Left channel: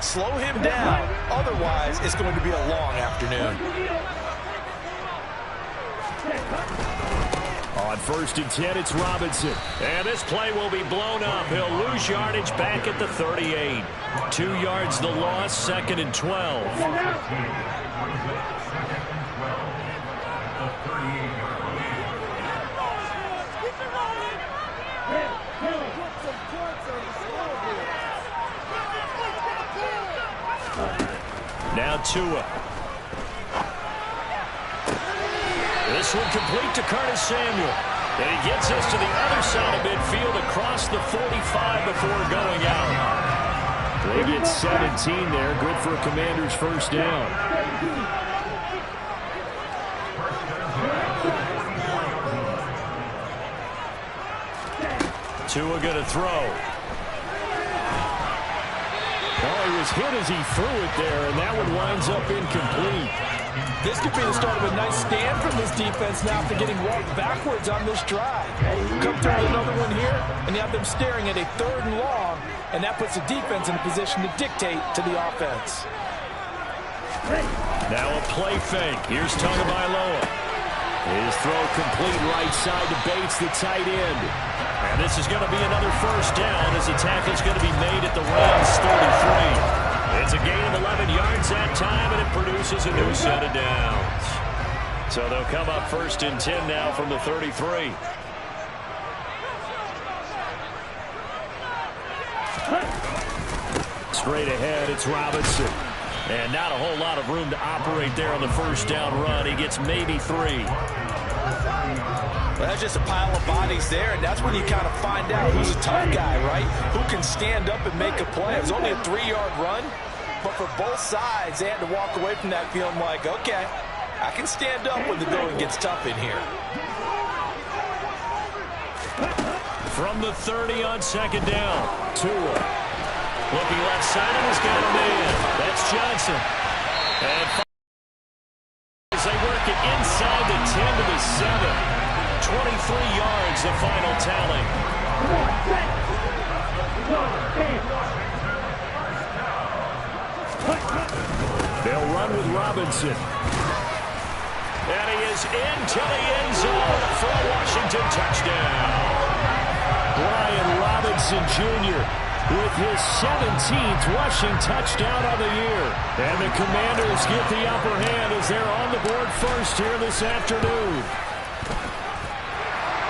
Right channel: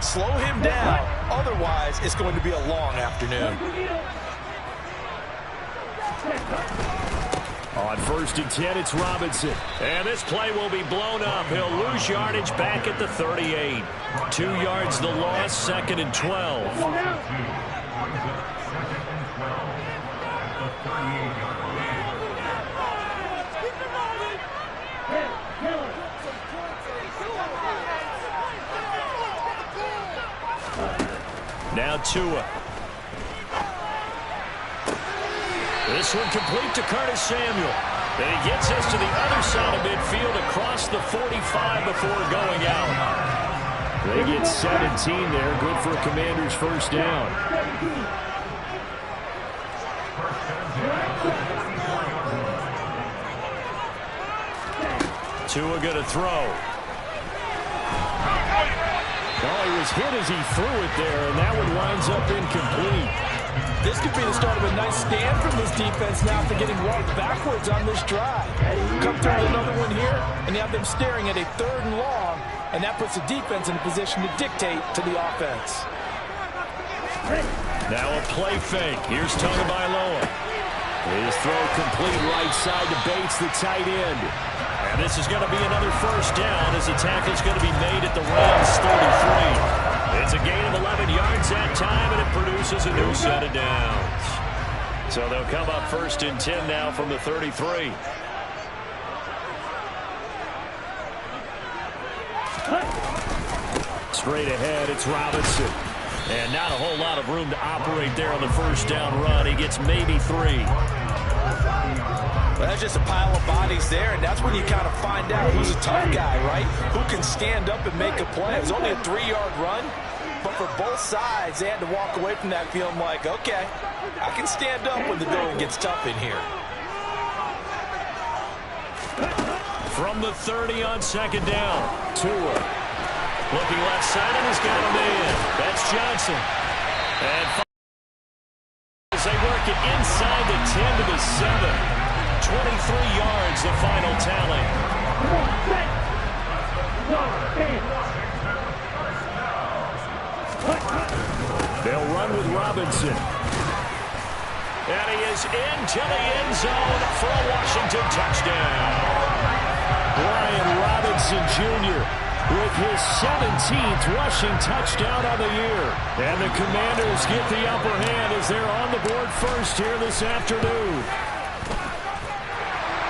Slow him down. Otherwise, it's going to be a long afternoon. On 1st and 10, it's Robinson. And this play will be blown up. He'll lose yardage back at the 38. 2 yards the loss, 2nd and 12. Now Tua. This one complete to Curtis Samuel. And he gets us to the other side of midfield across the 45 before going out. They get 17 there. Good for a Commanders first down. Tua going to throw. Well, he was hit as he threw it there, and that one winds up incomplete. This could be the start of a nice stand from this defense now after getting walked backwards on this drive. Come through with another one here, and you have them staring at a 3rd and long, and that puts the defense in a position to dictate to the offense. Now a play fake. Here's Tagovailoa. His throw complete right side to Bates, the tight end. And this is going to be another first down as the tackle is going to be made at the Rams 33. It's a gain of 11 yards that time, and it produces a new set of downs. So they'll come up 1st and 10 now from the 33. Straight ahead, it's Robinson. And not a whole lot of room to operate there on the first down run. He gets maybe 3. Well, that's just a pile of bodies there, and that's when you kind of find out who's a tough guy, right? Who can stand up and make a play. It was only a 3-yard run, but for both sides, they had to walk away from that feeling like, okay, I can stand up when the going gets tough in here. From the 30 on 2nd down, Tua. Looking left side, and he's got a man. That's Johnson. And as they work it inside the 10 to the 7. 23 yards, the final tally. They'll run with Robinson. And he is into the end zone for a Washington touchdown. Brian Robinson Jr. with his 17th rushing touchdown on the year. And the Commanders get the upper hand as they're on the board first here this afternoon.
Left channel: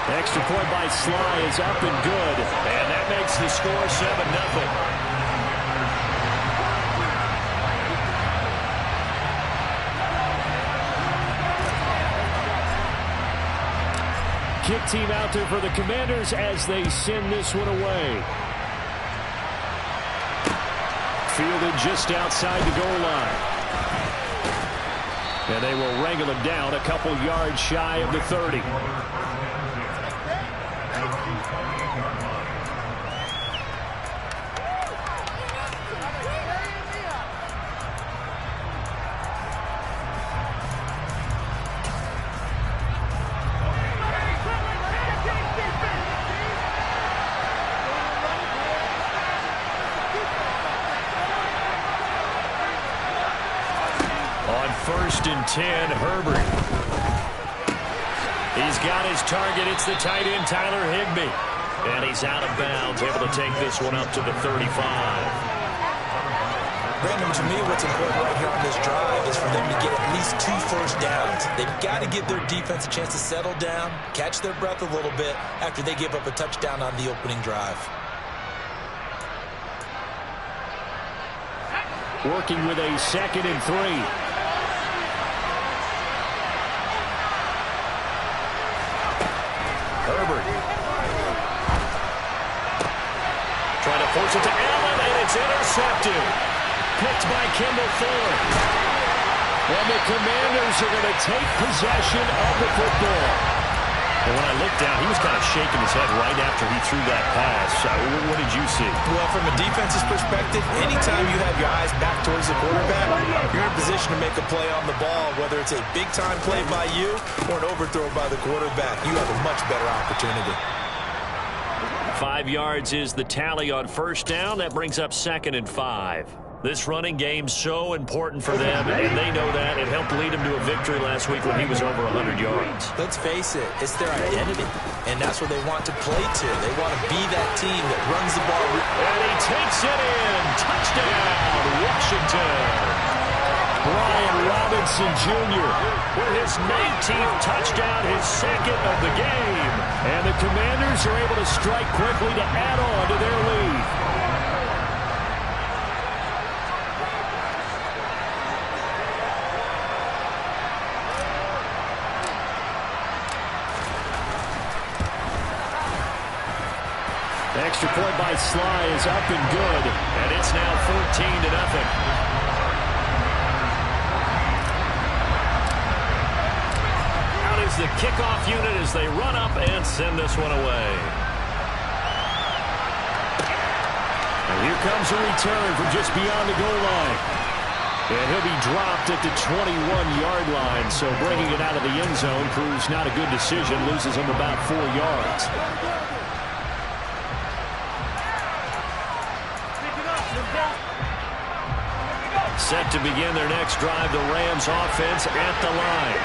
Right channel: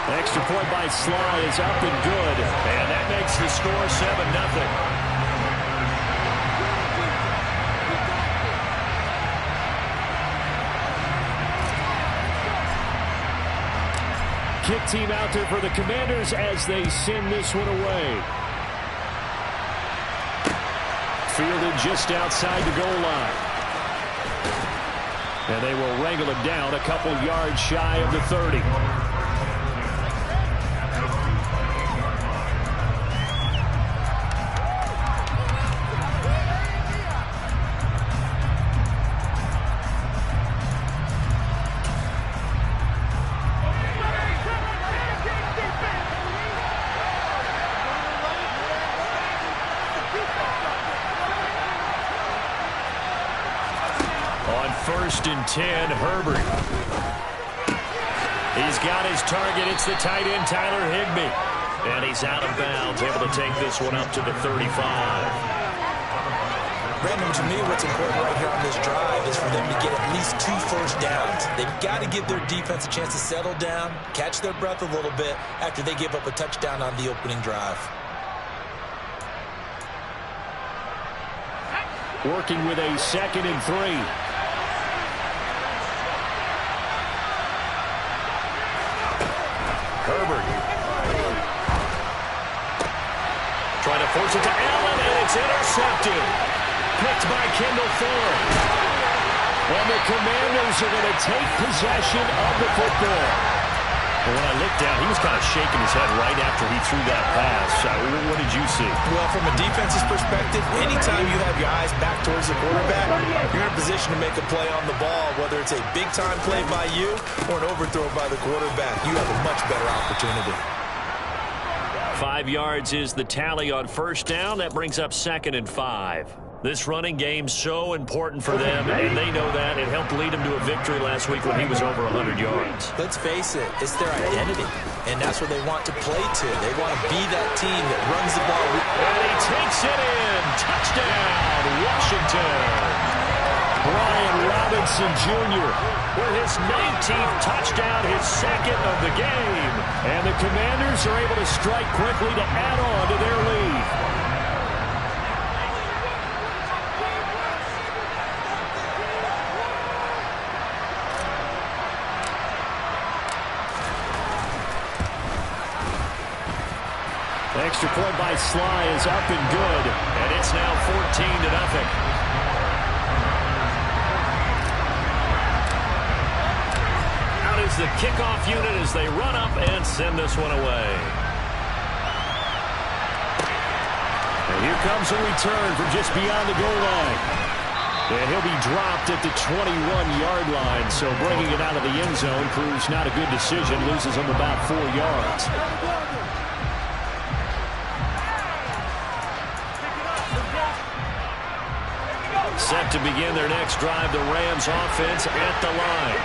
Extra point by Sly is up and good. And that makes the score 7-0. Kick team out there for the Commanders as they send this one away. Fielded just outside the goal line. And they will wrangle him down a couple yards shy of the 30. On 1st and 10, Herbert. He's got his target. It's the tight end, Tyler Higbee. And he's out of bounds, able to take this one up to the 35. Brandon, to me, what's important right here on this drive is for them to get at least 2 first downs. They've got to give their defense a chance to settle down, catch their breath a little bit after they give up a touchdown on the opening drive. Working with a 2nd and 3. Herbert. Trying to force it to Allen, and it's intercepted. Picked by Kendall Fuller. And the Commanders are going to take possession of the football. And when I looked down, he was kind of shaking his head right after he threw that pass. What did you see? Well, from a defense's perspective, anytime you have your eyes back towards the quarterback, you're in a position to make a play on the ball, whether it's a big-time play by you or an overthrow by the quarterback. You have a much better opportunity. 5 yards is the tally on first down. That brings up 2nd and 5. This running game's so important for them, and they know that. It helped lead them to a victory last week when he was over 100 yards. Let's face it, it's their identity, and that's what they want to play to. They want to be that team that runs the ball. And he takes it in. Touchdown, Washington. Brian Robinson Jr. with his 19th touchdown, his second of the game. And the Commanders are able to strike quickly to add on to their lead. The extra point by Sly is up and good. And it's now 14-0. Is the kickoff unit as they run up and send this one away. And here comes a return from just beyond the goal line. And he'll be dropped at the 21-yard line, so bringing it out of the end zone proves not a good decision, loses him about 4 yards. Set to begin their next drive, the Rams offense at the line.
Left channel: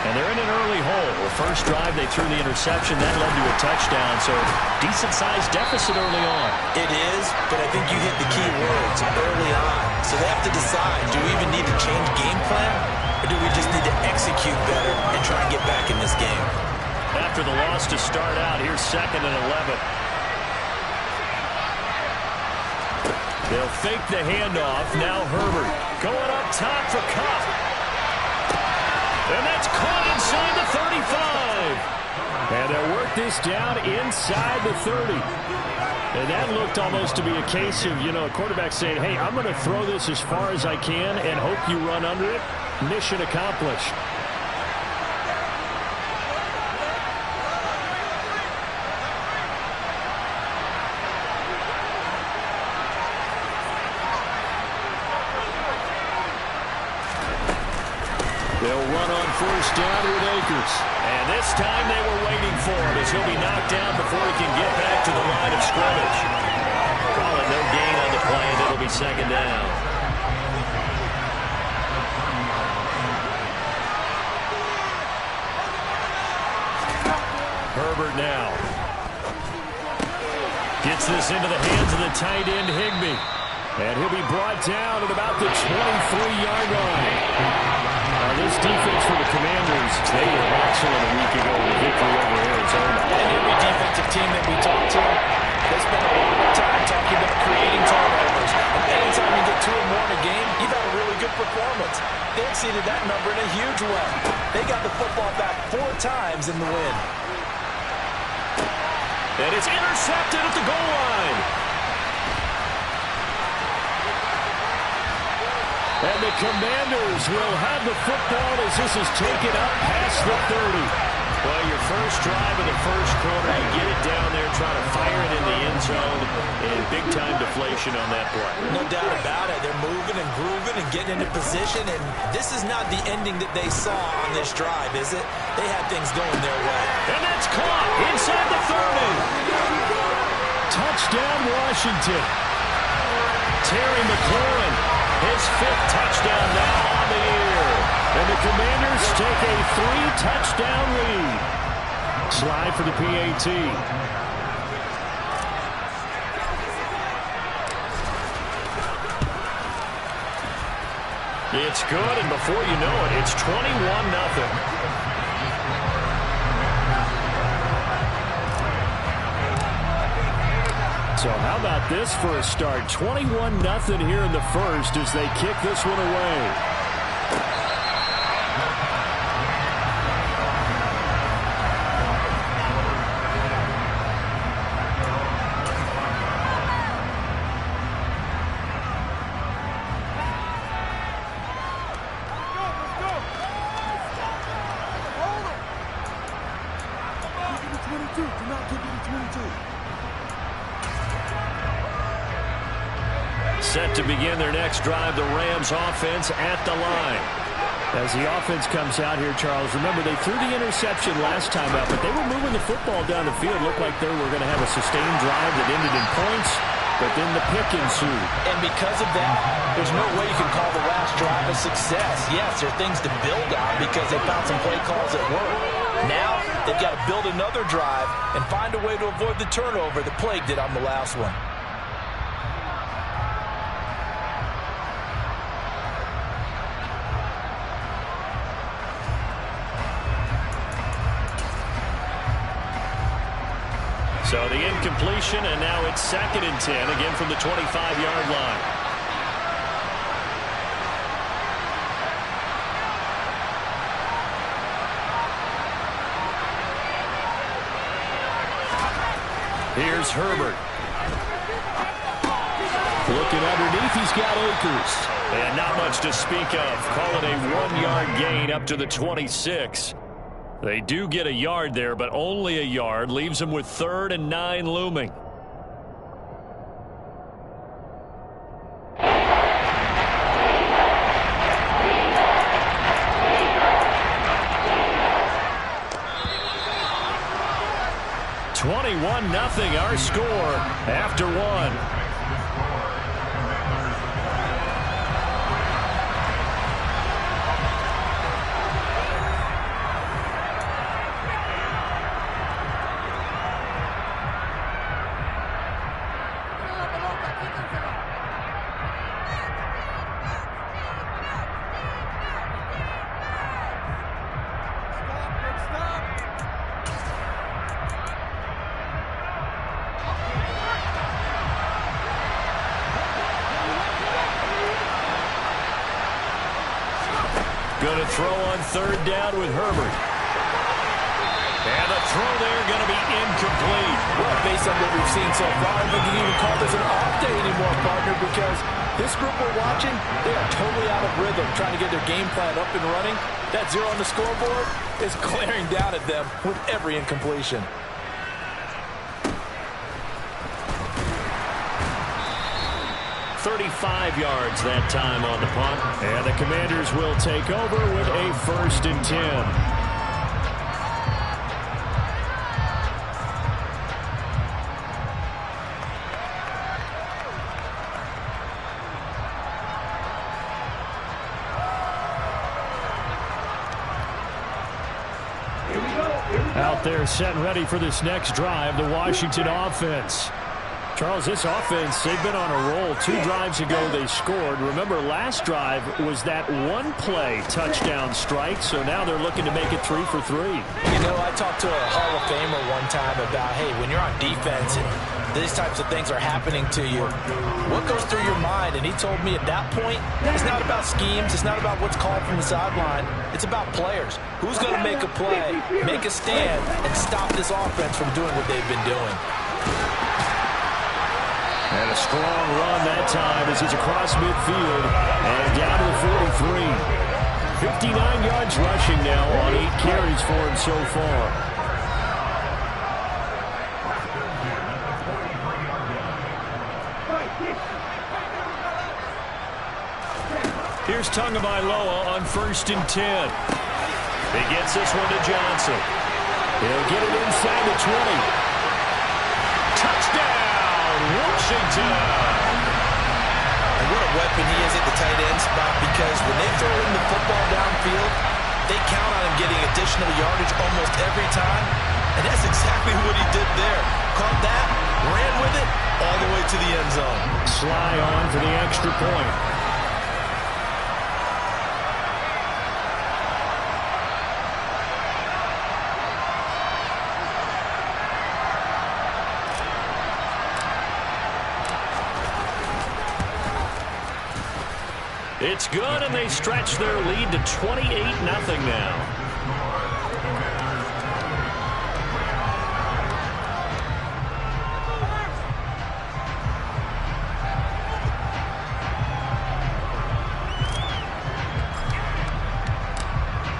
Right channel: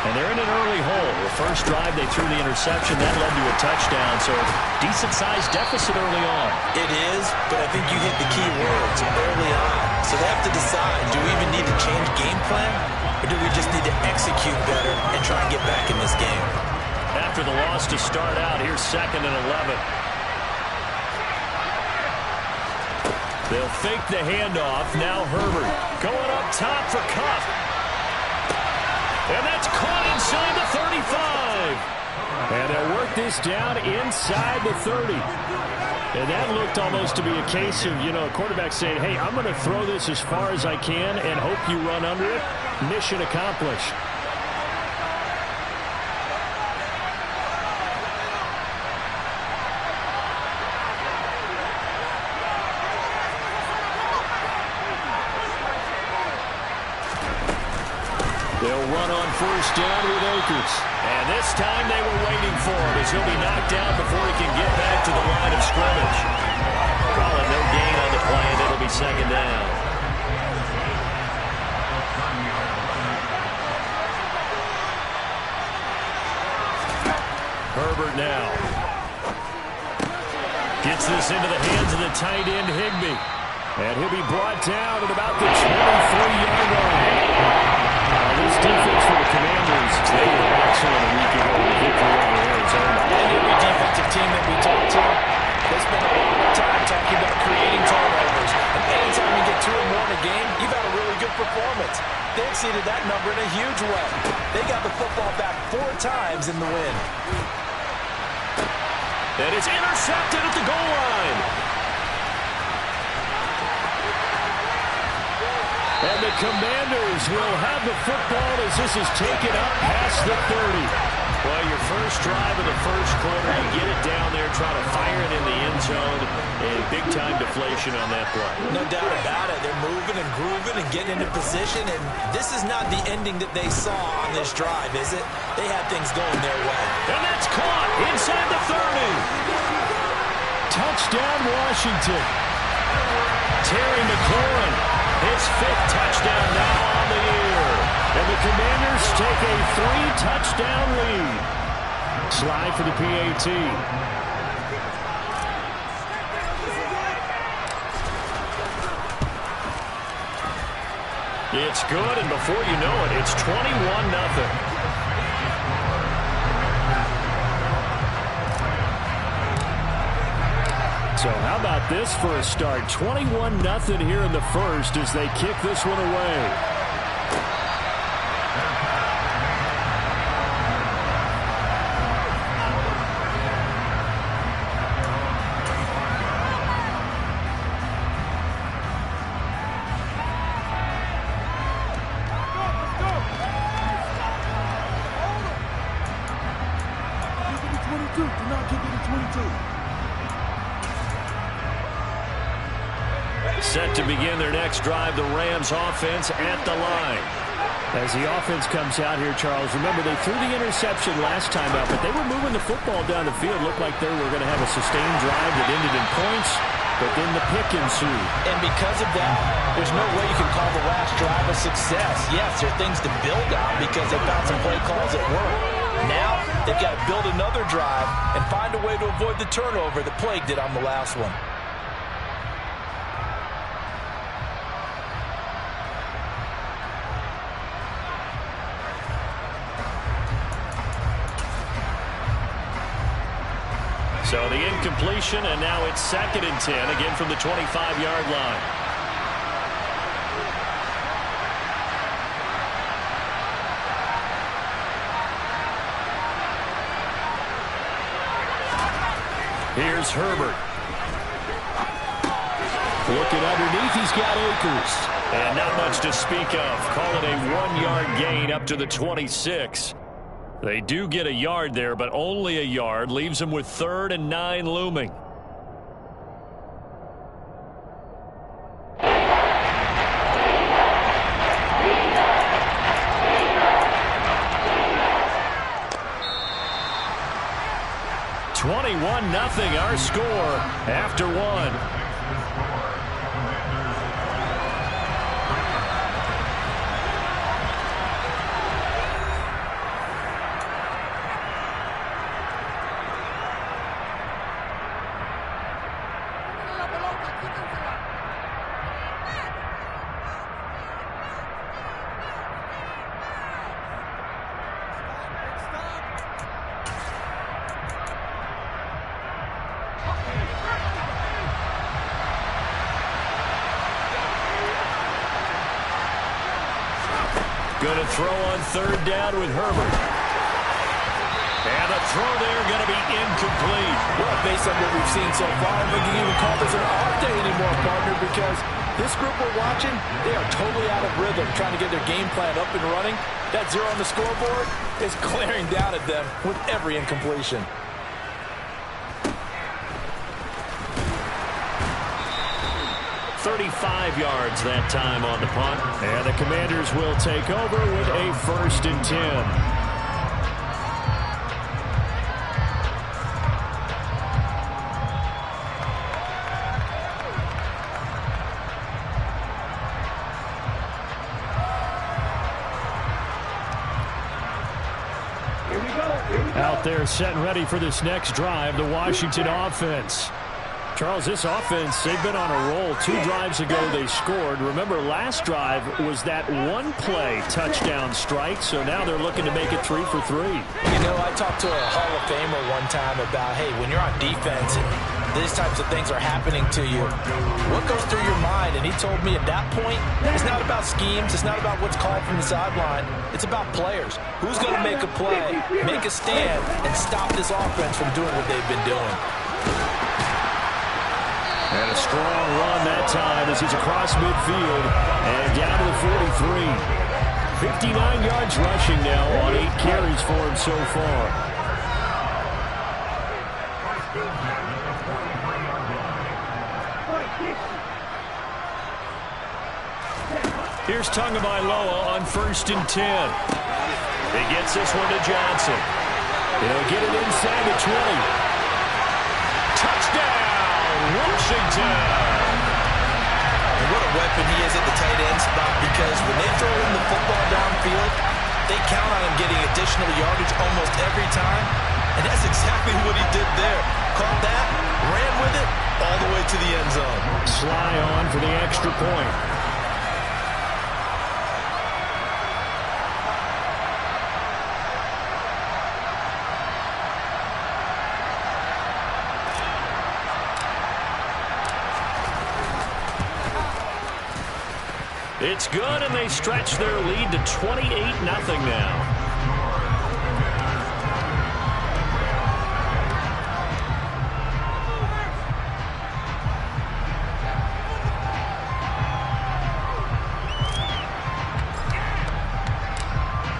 And they're in an early hole. The first drive, they threw the interception. That led to a touchdown, so decent-sized deficit early on. It is, but I think you hit the key words early on. So they have to decide, do we even need to change game plan, or do we just need to execute better and try and get back in this game? After the loss to start out, here's 2nd and 11. They'll fake the handoff. Now Herbert going up top for Kupp. And that's caught inside the 35. And they'll work this down inside the 30. And that looked almost to be a case of, a quarterback saying, hey, I'm going to throw this as far as I can and hope you run under it. Mission accomplished. They'll run on 1st down with Akers. And this time they were waiting for him as he'll be knocked down before he can get back to the line of scrimmage. Call it no gain on the play, and it'll be 2nd down. Herbert now. Gets this into the hands of the tight end, Higbee. And he'll be brought down at about the 23-yard line. This defense for the Commanders, they were excellent a week ago with a victory over Arizona. And every defensive team that we talk to, they spend a lot of time talking about creating turnovers. And anytime you get 2 or more in a game, you've had a really good performance. They exceeded that number in a huge way. They got the football back 4 times in the win. And it's intercepted at the goal line. And the Commanders will have the football as this is taken up past the 30. Well, your first drive of the first quarter, you get it down there, try to fire it in the end zone, and big-time deflation on that play. No doubt about it. They're moving and grooving and getting into position, and this is not the ending that they saw on this drive, is it? They had things going their way. And that's caught inside the 30. Touchdown, Washington. Terry McLaurin. His 5th touchdown now on the year. And the Commanders take a 3-touchdown lead. Slide for the PAT. It's good, and before you know it, it's 21-0. So how about this for a start? 21-0 here in the first as they kick this one away. Do not give it to 22. Set to begin their next drive, the Rams offense at the line. As the offense comes out here, Charles, remember they threw the interception last time out, but they were moving the football down the field. Looked like they were going to have a sustained drive that ended in points. but then the pick ensued. And because of that, there's no way you can call the last drive a success. Yes, there are things to build on because they found some play calls that work. Now, they've got to build another drive and find a way to avoid the turnover that plagued it on the last one. So the incompletion, and now it's 2nd and 10, again from the 25-yard line. Here's Herbert. Looking underneath, he's got Akers. And not much to speak of. Call it a 1-yard gain up to the 26. They do get a yard there, but only a yard. Leaves them with 3rd and 9 looming. (21-0) our score after 1. Going to throw on 3rd down with Herbert. And the throw there going to be incomplete. Well, based on what we've seen so far, I think you can even call this an off day anymore, partner, because this group we're watching, they are totally out of rhythm, trying to get their game plan up and running. That 0 on the scoreboard is glaring down at them with every incompletion. .35 yards that time on the punt. And the Commanders will take over with a 1st and 10. Out there set and ready for this next drive, the Washington offense. Charles, this offense, they've been on a roll. 2 drives ago they scored. Remember, last drive was that 1-play touchdown strike, so now they're looking to make it 3 for 3. You know, I talked to a Hall of Famer one time about, hey, when you're on defense and these types of things are happening to you, what goes through your mind? And he told me at that point, it's not about schemes, it's not about what's called from the sideline, it's about players. Who's going to make a play, make a stand, and stop this offense from doing what they've been doing? And a strong run that time as he's across midfield and down to the 43. 59 yards rushing now on 8 carries for him so far. Here's Tagovailoa on 1st and 10. He gets this one to Johnson. He'll get it inside the 20. Touchdown! Washington. And what a weapon he is at the tight end spot, because when they throw him the football downfield, they count on him getting additional yardage almost every time. And that's exactly what he did there. Caught that, ran with it, all the way to the end zone. Sly on for the extra point. It's good, and they stretch their lead to 28-0 now.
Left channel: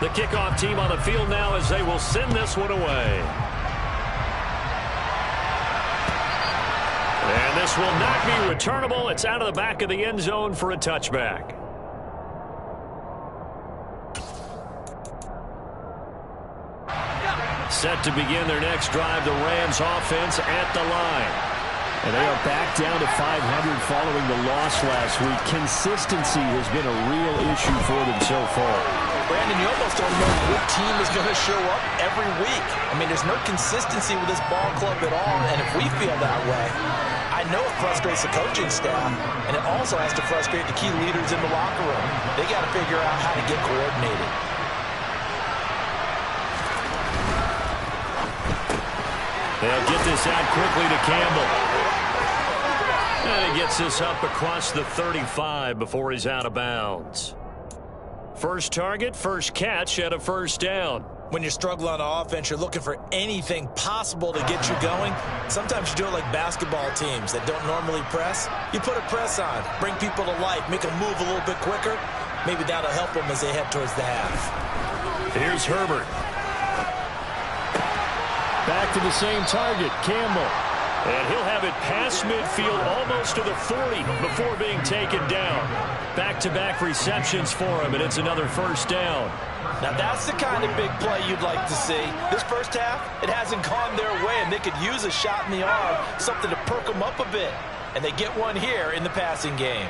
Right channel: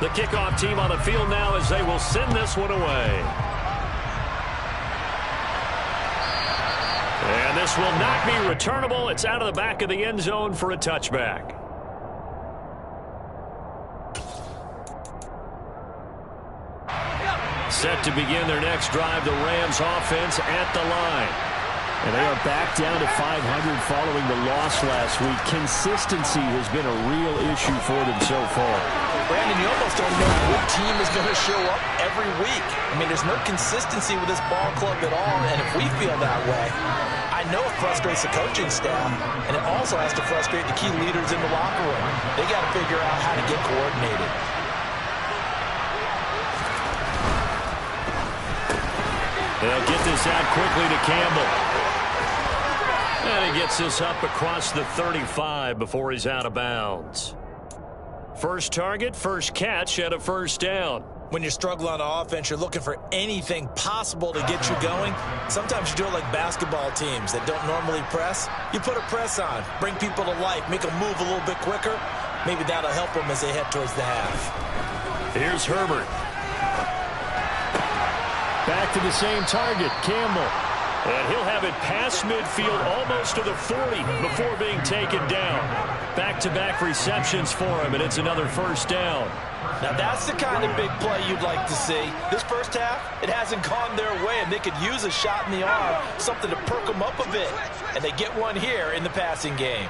The kickoff team on the field now as they will send this one away. And this will not be returnable. It's out of the back of the end zone for a touchback. Set to begin their next drive, the Rams offense at the line. And they are back down to 500 following the loss last week. Consistency has been a real issue for them so far. Brandon, you almost don't know what team is going to show up every week. I mean, there's no consistency with this ball club at all, and if we feel that way, I know it frustrates the coaching staff, and it also has to frustrate the key leaders in the locker room. They got to figure out how to get coordinated. They'll get this out quickly to Campbell. And he gets this up across the 35 before he's out of bounds. First target, first catch at a first down. When you struggle on offense, you're looking for anything possible to get you going. Sometimes you do it like basketball teams that don't normally press. You put a press on, bring people to life, make them move a little bit quicker. Maybe that'll help them as they head towards the half. Here's Herbert. Back to the same target, Campbell. And he'll have it past midfield almost to the 40 before being taken down. Back-to-back receptions for him, and it's another first down. Now that's the kind of big play you'd like to see. This first half, it hasn't gone their way, and they could use a shot in the arm, something to perk them up a bit. And they get one here in the passing game.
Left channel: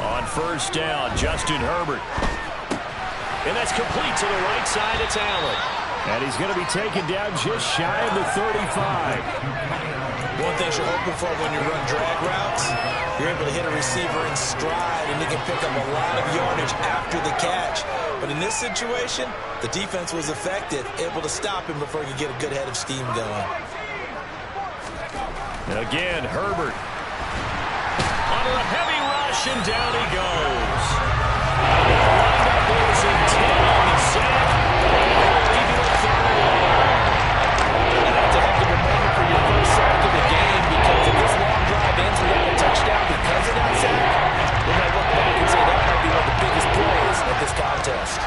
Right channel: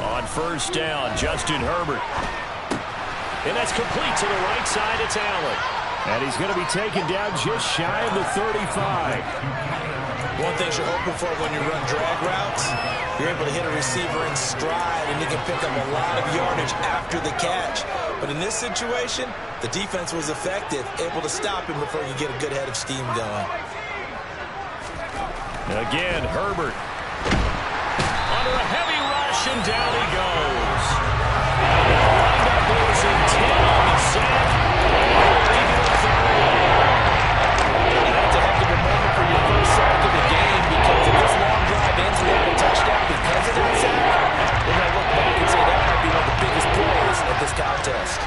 On first down, Justin Herbert. And that's complete to the right side. It's Allen. And he's going to be taken down just shy of the 35. One thing you're hoping for when you run drag routes, you're able to hit a receiver in stride, and you can pick up a lot of yardage after the catch. But in this situation, the defense was effective, able to stop him before you get a good head of steam going. Again, Herbert. Under a heavy rush, and down he goes. Windup losing 10 on the sack. That's a heck of a moment for your first sack of the game, because if this long drive ends without a touchdown because of that sack, we're going to look back and say that might be one of the biggest plays of this contest.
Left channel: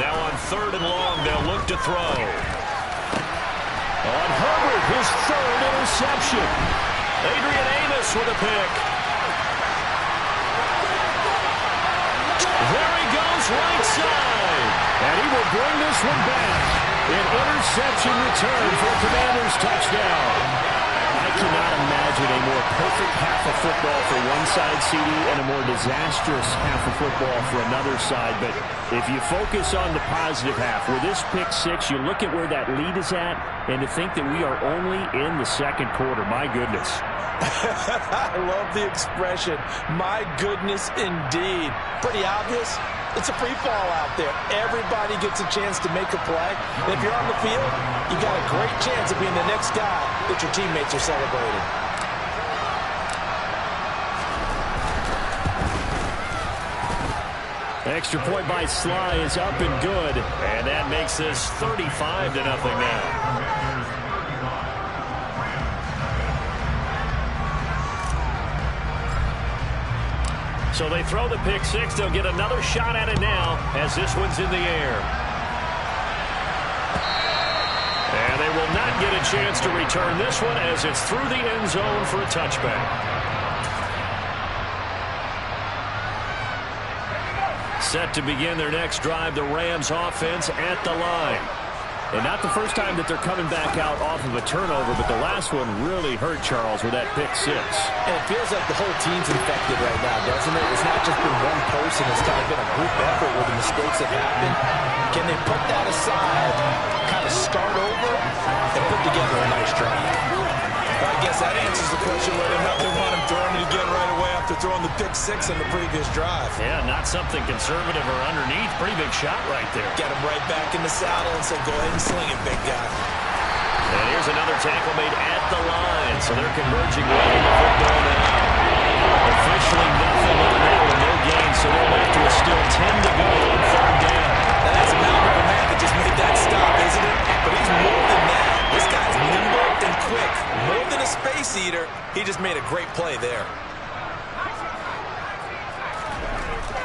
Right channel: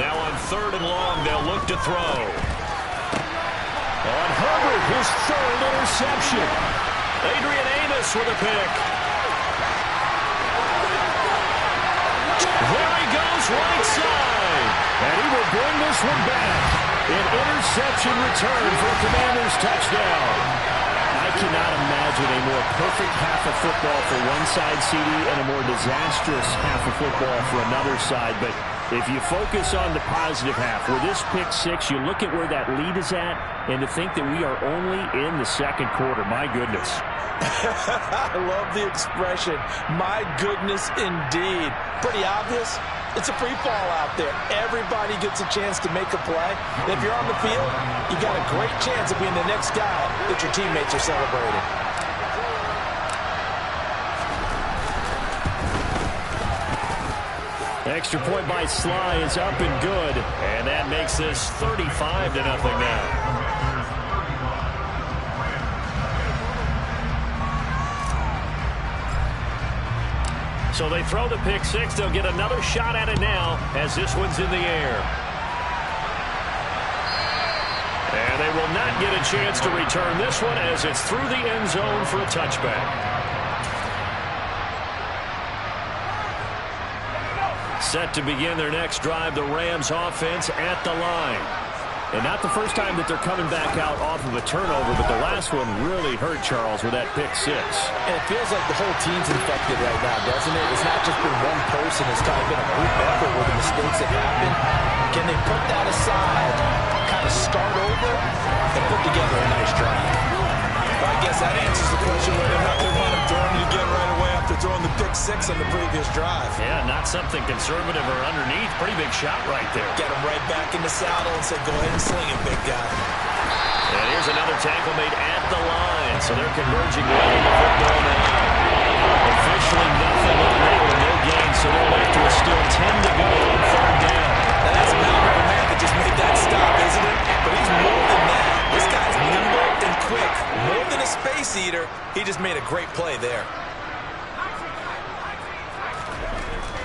Now on third and long, they'll look to throw. On Herbert, his third interception. Adrian Amos with a pick. There he goes, right side. And he will bring this one back. An interception return for a Commanders touchdown. I cannot imagine a more perfect half of football for one side, CD, and a more disastrous half of football for another side. But if you focus on the positive half, with this pick six, you look at where that lead is at, and to think that we are only in the second quarter. My goodness. I love the expression, my goodness indeed. Pretty obvious. It's a free fall out there. Everybody gets a chance to make a play. And if you're on the field, you got a great chance of being the next guy that your teammates are celebrating. Extra point by Sly is up and good. And that makes this 35-0 now. So they throw the pick six. They'll get another shot at it now as this one's in the air. And they will not get a chance to return this one as it's through the end zone for a touchback. Set to begin their next drive, the Rams offense at the line. And not the first time that they're coming back out off of a turnover, but the last one really hurt Charles with that pick six. And it feels like the whole team's infected right now, doesn't it? It's not just been one person. It's kind of been a group effort where the mistakes have happened. Can they put that aside, kind of start over, and put together a nice drive? Well, I guess that answers the question whether or not they want him throwing it again right away after throwing the pick six on the previous drive. Yeah, not something conservative or underneath. Pretty big shot right there. Get him right back in the saddle and say, go ahead and sling it, big guy. And here's another tackle made at the line. So they're converging right into football now. Officially nothing on that with no gain, so they're left with still 10 to go on third down. Now that's a mountain of a man that just made that stop, isn't it? But he's more than that. This guy's nimble and quick. More than a space eater, he just made a great play there.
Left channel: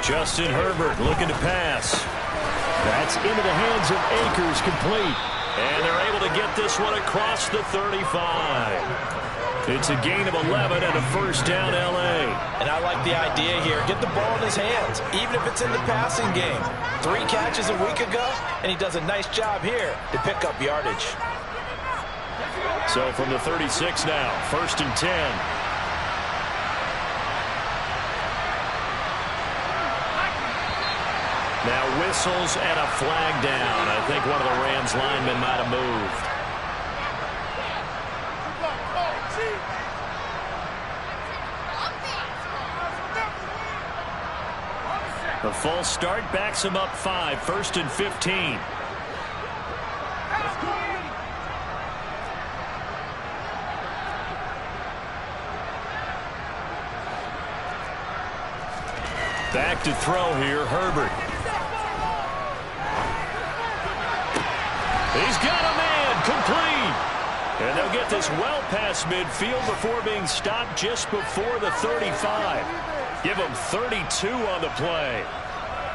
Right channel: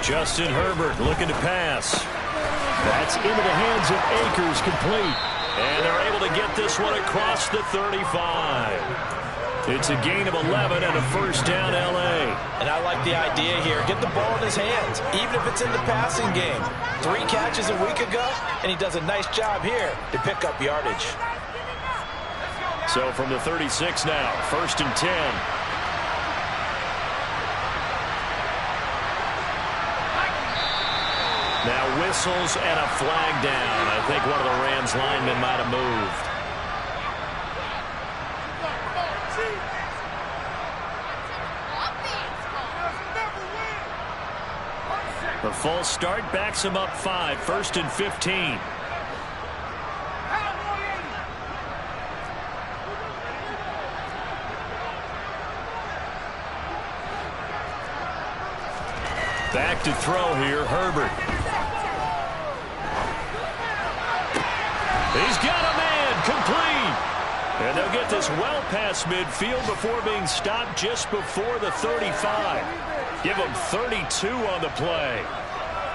Justin Herbert looking to pass. That's into the hands of Akers, complete. And they're able to get this one across the 35. It's a gain of 11 and a first down, L.A. And I like the idea here. Get the ball in his hands, even if it's in the passing game. 3 catches a week ago, and he does a nice job here to pick up yardage. So from the 36 now, 1st and 10. Now whistles and a flag down. I think one of the Rams linemen might have moved. The false start backs him up 5, 1st and 15. Back to throw here, Herbert. He's got a man, complete. And they'll get this well past midfield before being stopped just before the 35. Give him 32 on the play.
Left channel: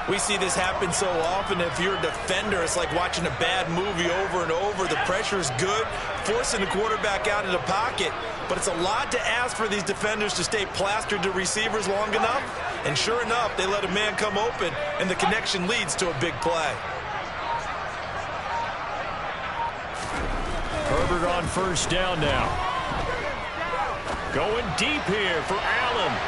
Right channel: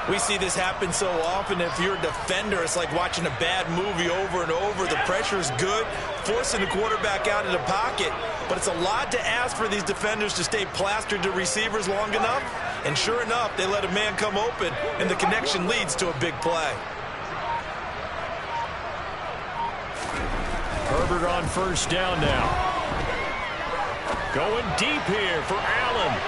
We see this happen so often. If you're a defender, it's like watching a bad movie over and over. The pressure is good, forcing the quarterback out of the pocket. But it's a lot to ask for these defenders to stay plastered to receivers long enough. And sure enough, they let a man come open, and the connection leads to a big play. Herbert on 1st down now. Going deep here for Allen.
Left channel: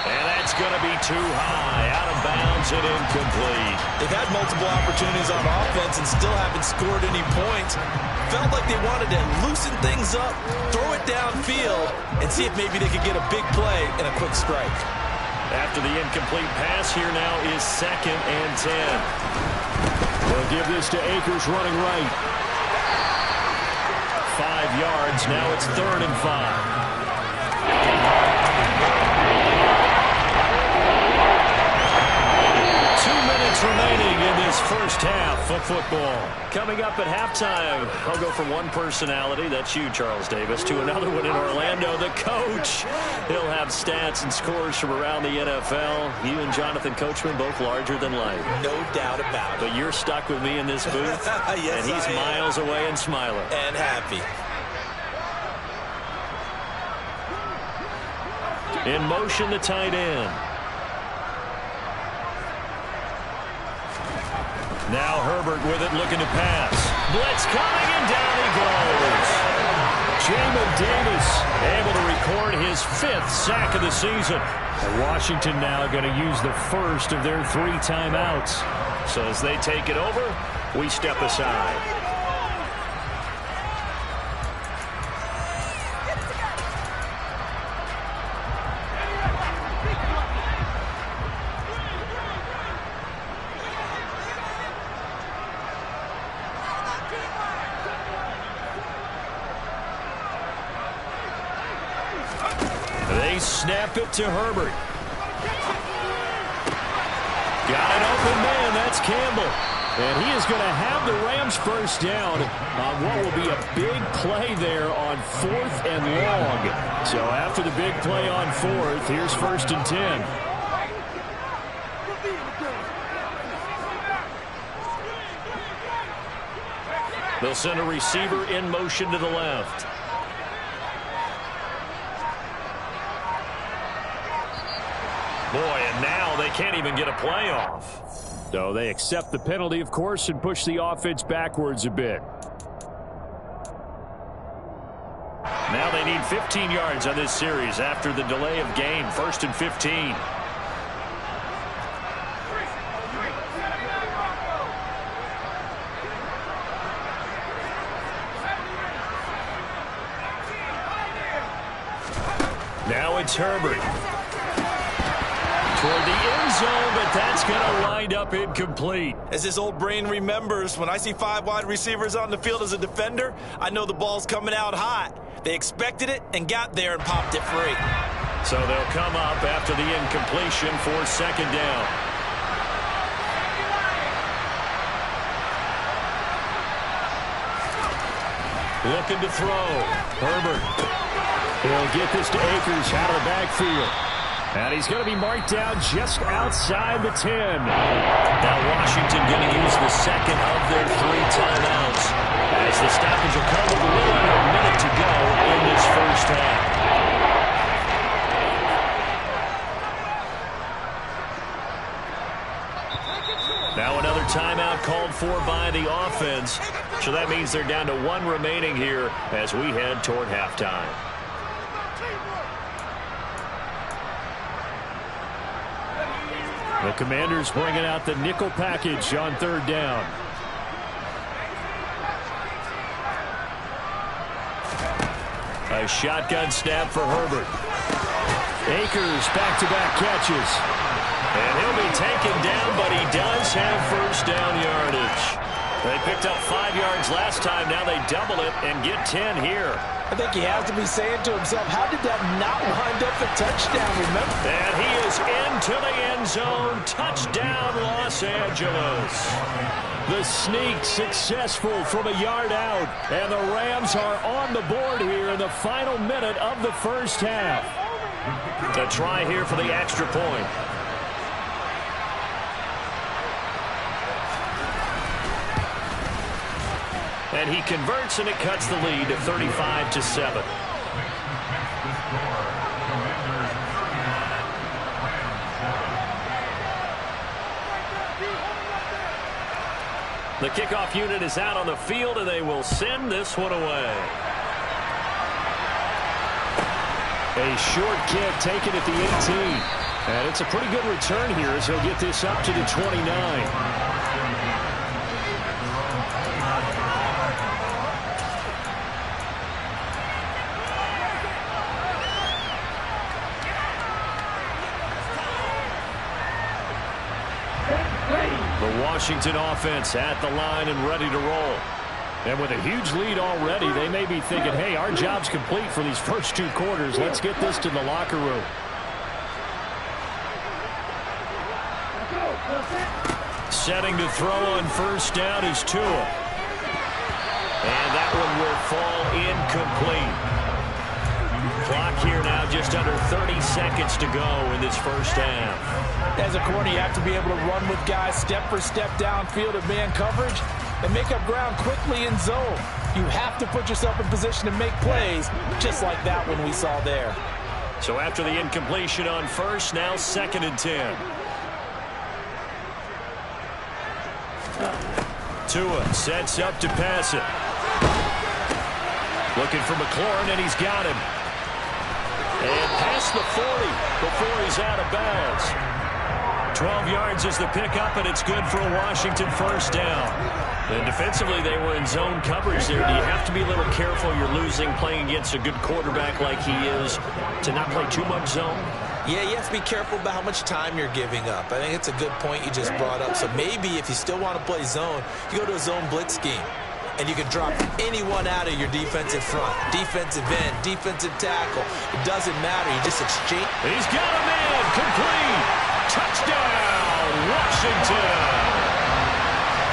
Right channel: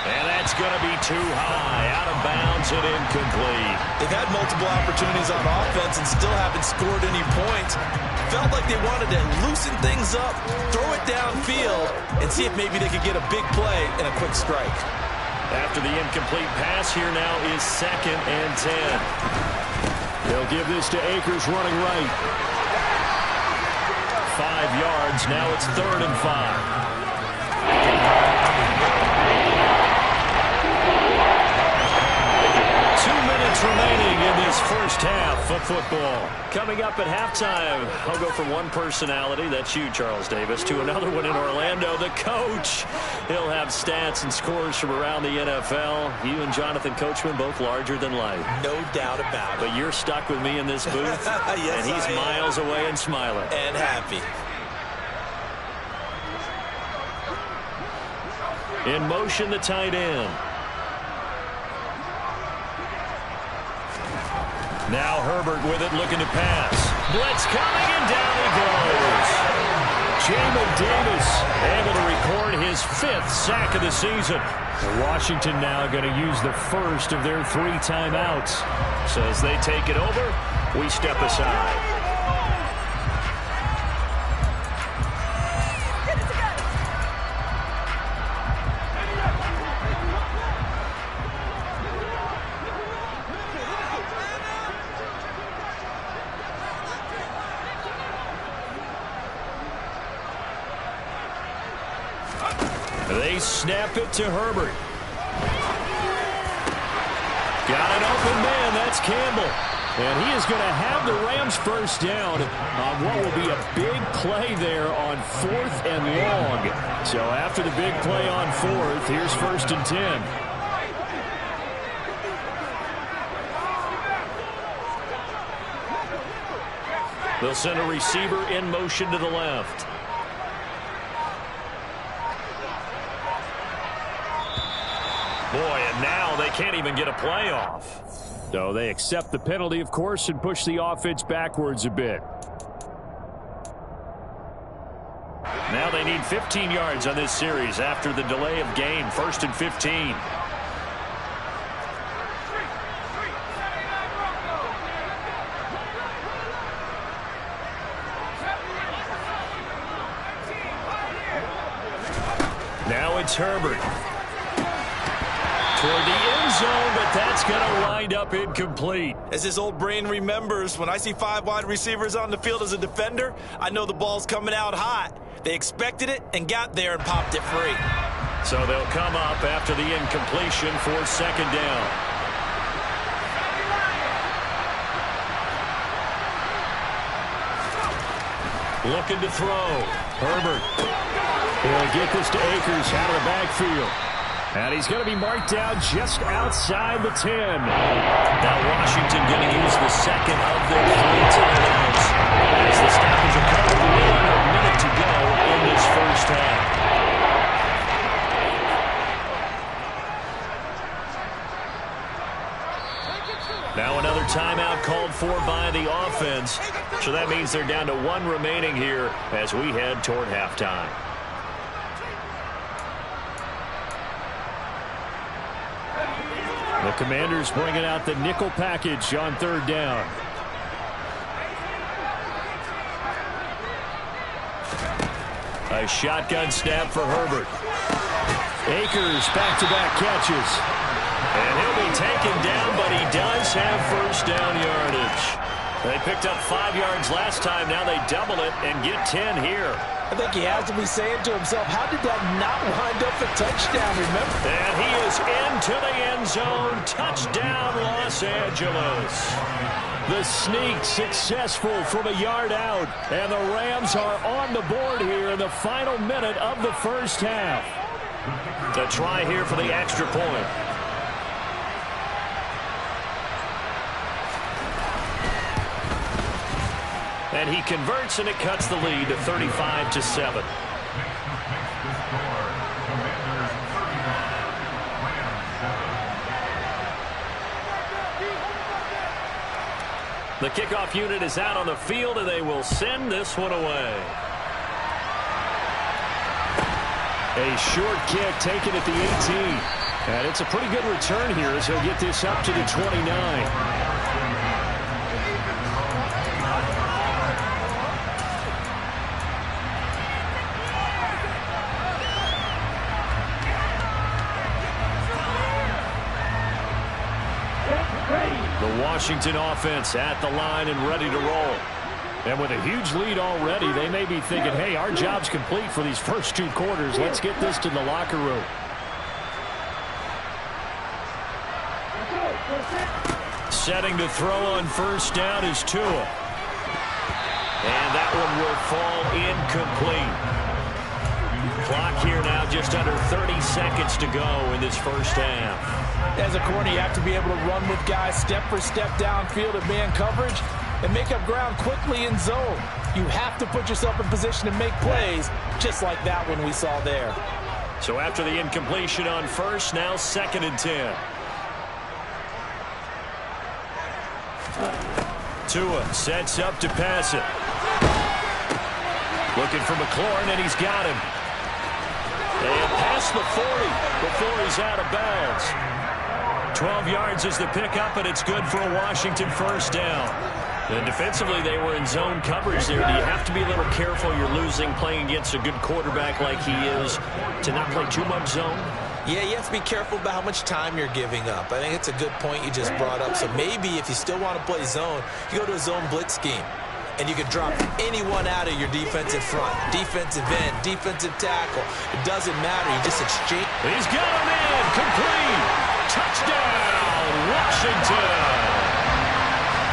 And that's going to be too high, out of bounds and incomplete. They've had multiple opportunities on offense and still haven't scored any points. Felt like they wanted to loosen things up, throw it downfield, and see if maybe they could get a big play and a quick strike. After the incomplete pass, here now is 2nd and 10. They'll give this to Akers running right. 5 yards, now it's 3rd and 5. 2 minutes remaining in this first half of football. Coming up at halftime, I'll go from one personality, that's you, Charles Davis, to another one in Orlando, the coach. He'll have stats and scores from around the NFL. You and Jonathan Coachman, both larger than life. No doubt about it. But you're stuck with me in this booth, yes, and he's miles away and smiling. And happy. In motion, the tight end. Now Herbert with it, looking to pass. Blitz coming, and down he goes. Jamin Davis able to record his 5th sack of the season. And Washington now going to use the first of their 3 timeouts. So as they take it over, we step aside. They snap it to Herbert. Got an open man. That's Campbell. And he is going to have the Rams first down on what will be a big play there on 4th and long. So after the big play on 4th, here's 1st and 10. They'll send a receiver in motion to the left. Boy, and now they can't even get a play off. So they accept the penalty, of course, and push the offense backwards a bit. Now they need 15 yards on this series after the delay of game. 1st and 15. Now it's Herbert. Toward the end zone, but that's going to wind up incomplete. As his old brain remembers, when I see 5 wide receivers on the field as a defender, I know the ball's coming out hot. They expected it and got there and popped it free. So they'll come up after the incompletion for 2nd down. Looking to throw. Herbert. He'll get this to Akers out of the backfield. And he's going to be marked down just outside the 10. Now Washington going to use the 2nd of their 3 timeouts as the stoppage occurred with a little under a minute to go in this first half. timeout called for by the offense. So that means they're down to 1 remaining here as we head toward halftime. The Commanders bringing out the nickel package on 3rd down. A shotgun snap for Herbert. Akers back-to-back catches. And he'll be taken down, but he does have first down yardage. They picked up 5 yards last time. Now they double it and get 10 here. I think he has to be saying to himself, how did that not wind up a touchdown, remember? And he is into the end zone. Touchdown, Los Angeles. The sneak successful from a yard out. And the Rams are on the board here in the final minute of the first half. The try here for the extra point. And he converts, and it cuts the lead to 35-7. The kickoff unit is out on the field, and they will send this one away. A short kick taken at the 18. And it's a pretty good return here as he'll get this up to the 29. The Washington offense at the line and ready to roll. And with a huge lead already, they may be thinking, hey, our job's complete for these first 2 quarters. Let's get this to the locker room. Setting to throw on first down is Tua. And that one will fall incomplete. Clock here now just under 30 seconds to go in this first half. As a corner, you have to be able to run with guys step for step downfield at man coverage and make up ground quickly in zone. You have to put yourself in position to make plays, just like that one we saw there. So after the incompletion on first, now 2nd and 10. Tua sets up to pass it. Looking for McLaurin, and he's got him. And past the 40 before he's out of bounds. 12 yards is the pickup, and it's good for a Washington first down. And defensively, they were in zone coverage there. Do you have to be a little careful? You're losing playing against a good quarterback like he is to not play too much zone? Yeah, you have to be careful about how much time you're giving up. I think it's a good point you just brought up. So maybe if you still want to play zone, you go to a zone blitz scheme. And you can drop anyone out of your defensive front. Defensive end, defensive tackle. It doesn't matter. You just exchange. He's got a man. Complete. Touchdown, Washington.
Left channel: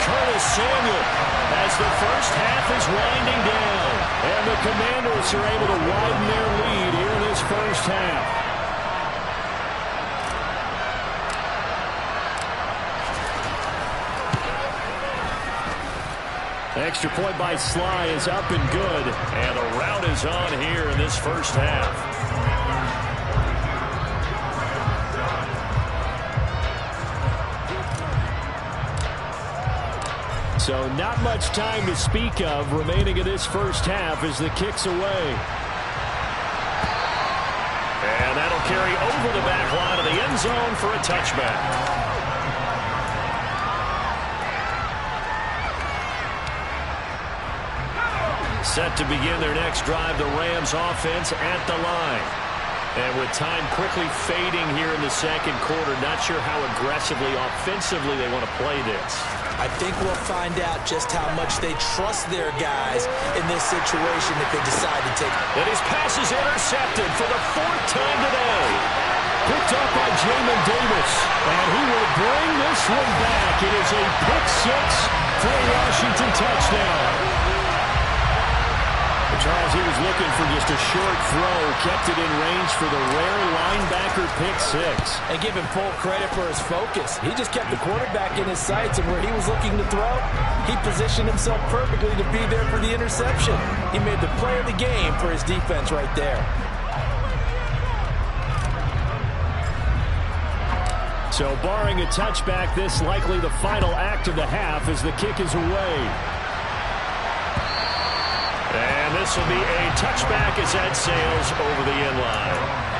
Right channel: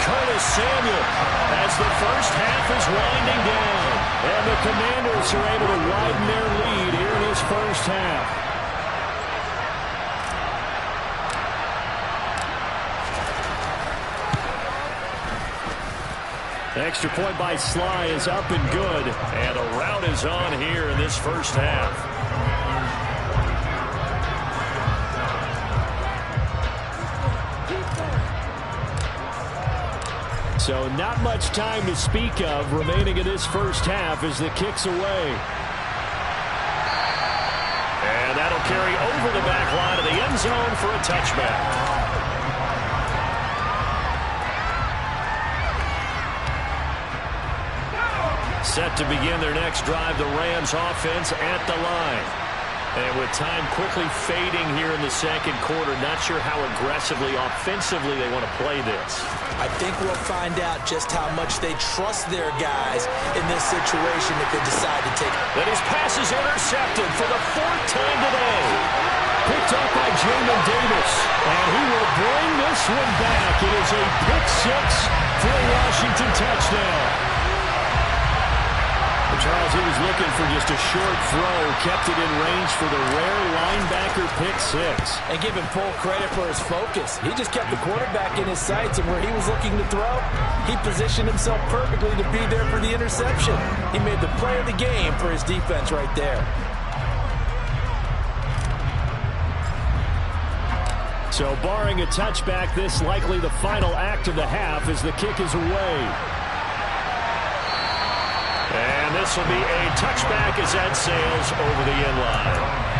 Curtis Samuel as the first half is winding down. And the Commanders are able to widen their lead here in this first half. Extra point by Sly is up and good. And the rout is on here in this first half. So not much time to speak of remaining in this first half as the kick's away. And that'll carry over the back line of the end zone for a touchback. Set to begin their next drive, the Rams offense at the line. And with time quickly fading here in the second quarter, not sure how aggressively, offensively they want to play this. I think we'll find out just how much they trust their guys in this situation if they decide to take it. And his pass is intercepted for the 4th time today. Picked up by Jamin Davis. And he will bring this one back. It is a pick 6 for a Washington touchdown. Charles, he was looking for just a short throw, kept it in range for the rare linebacker pick 6. And give him full credit for his focus. He just kept the quarterback in his sights, and where he was looking to throw, he positioned himself perfectly to be there for the interception. He made the play of the game for his defense right there. So barring a touchback, this likely the final act of the half as the kick is away. And this will be a touchback as that sails over the end line.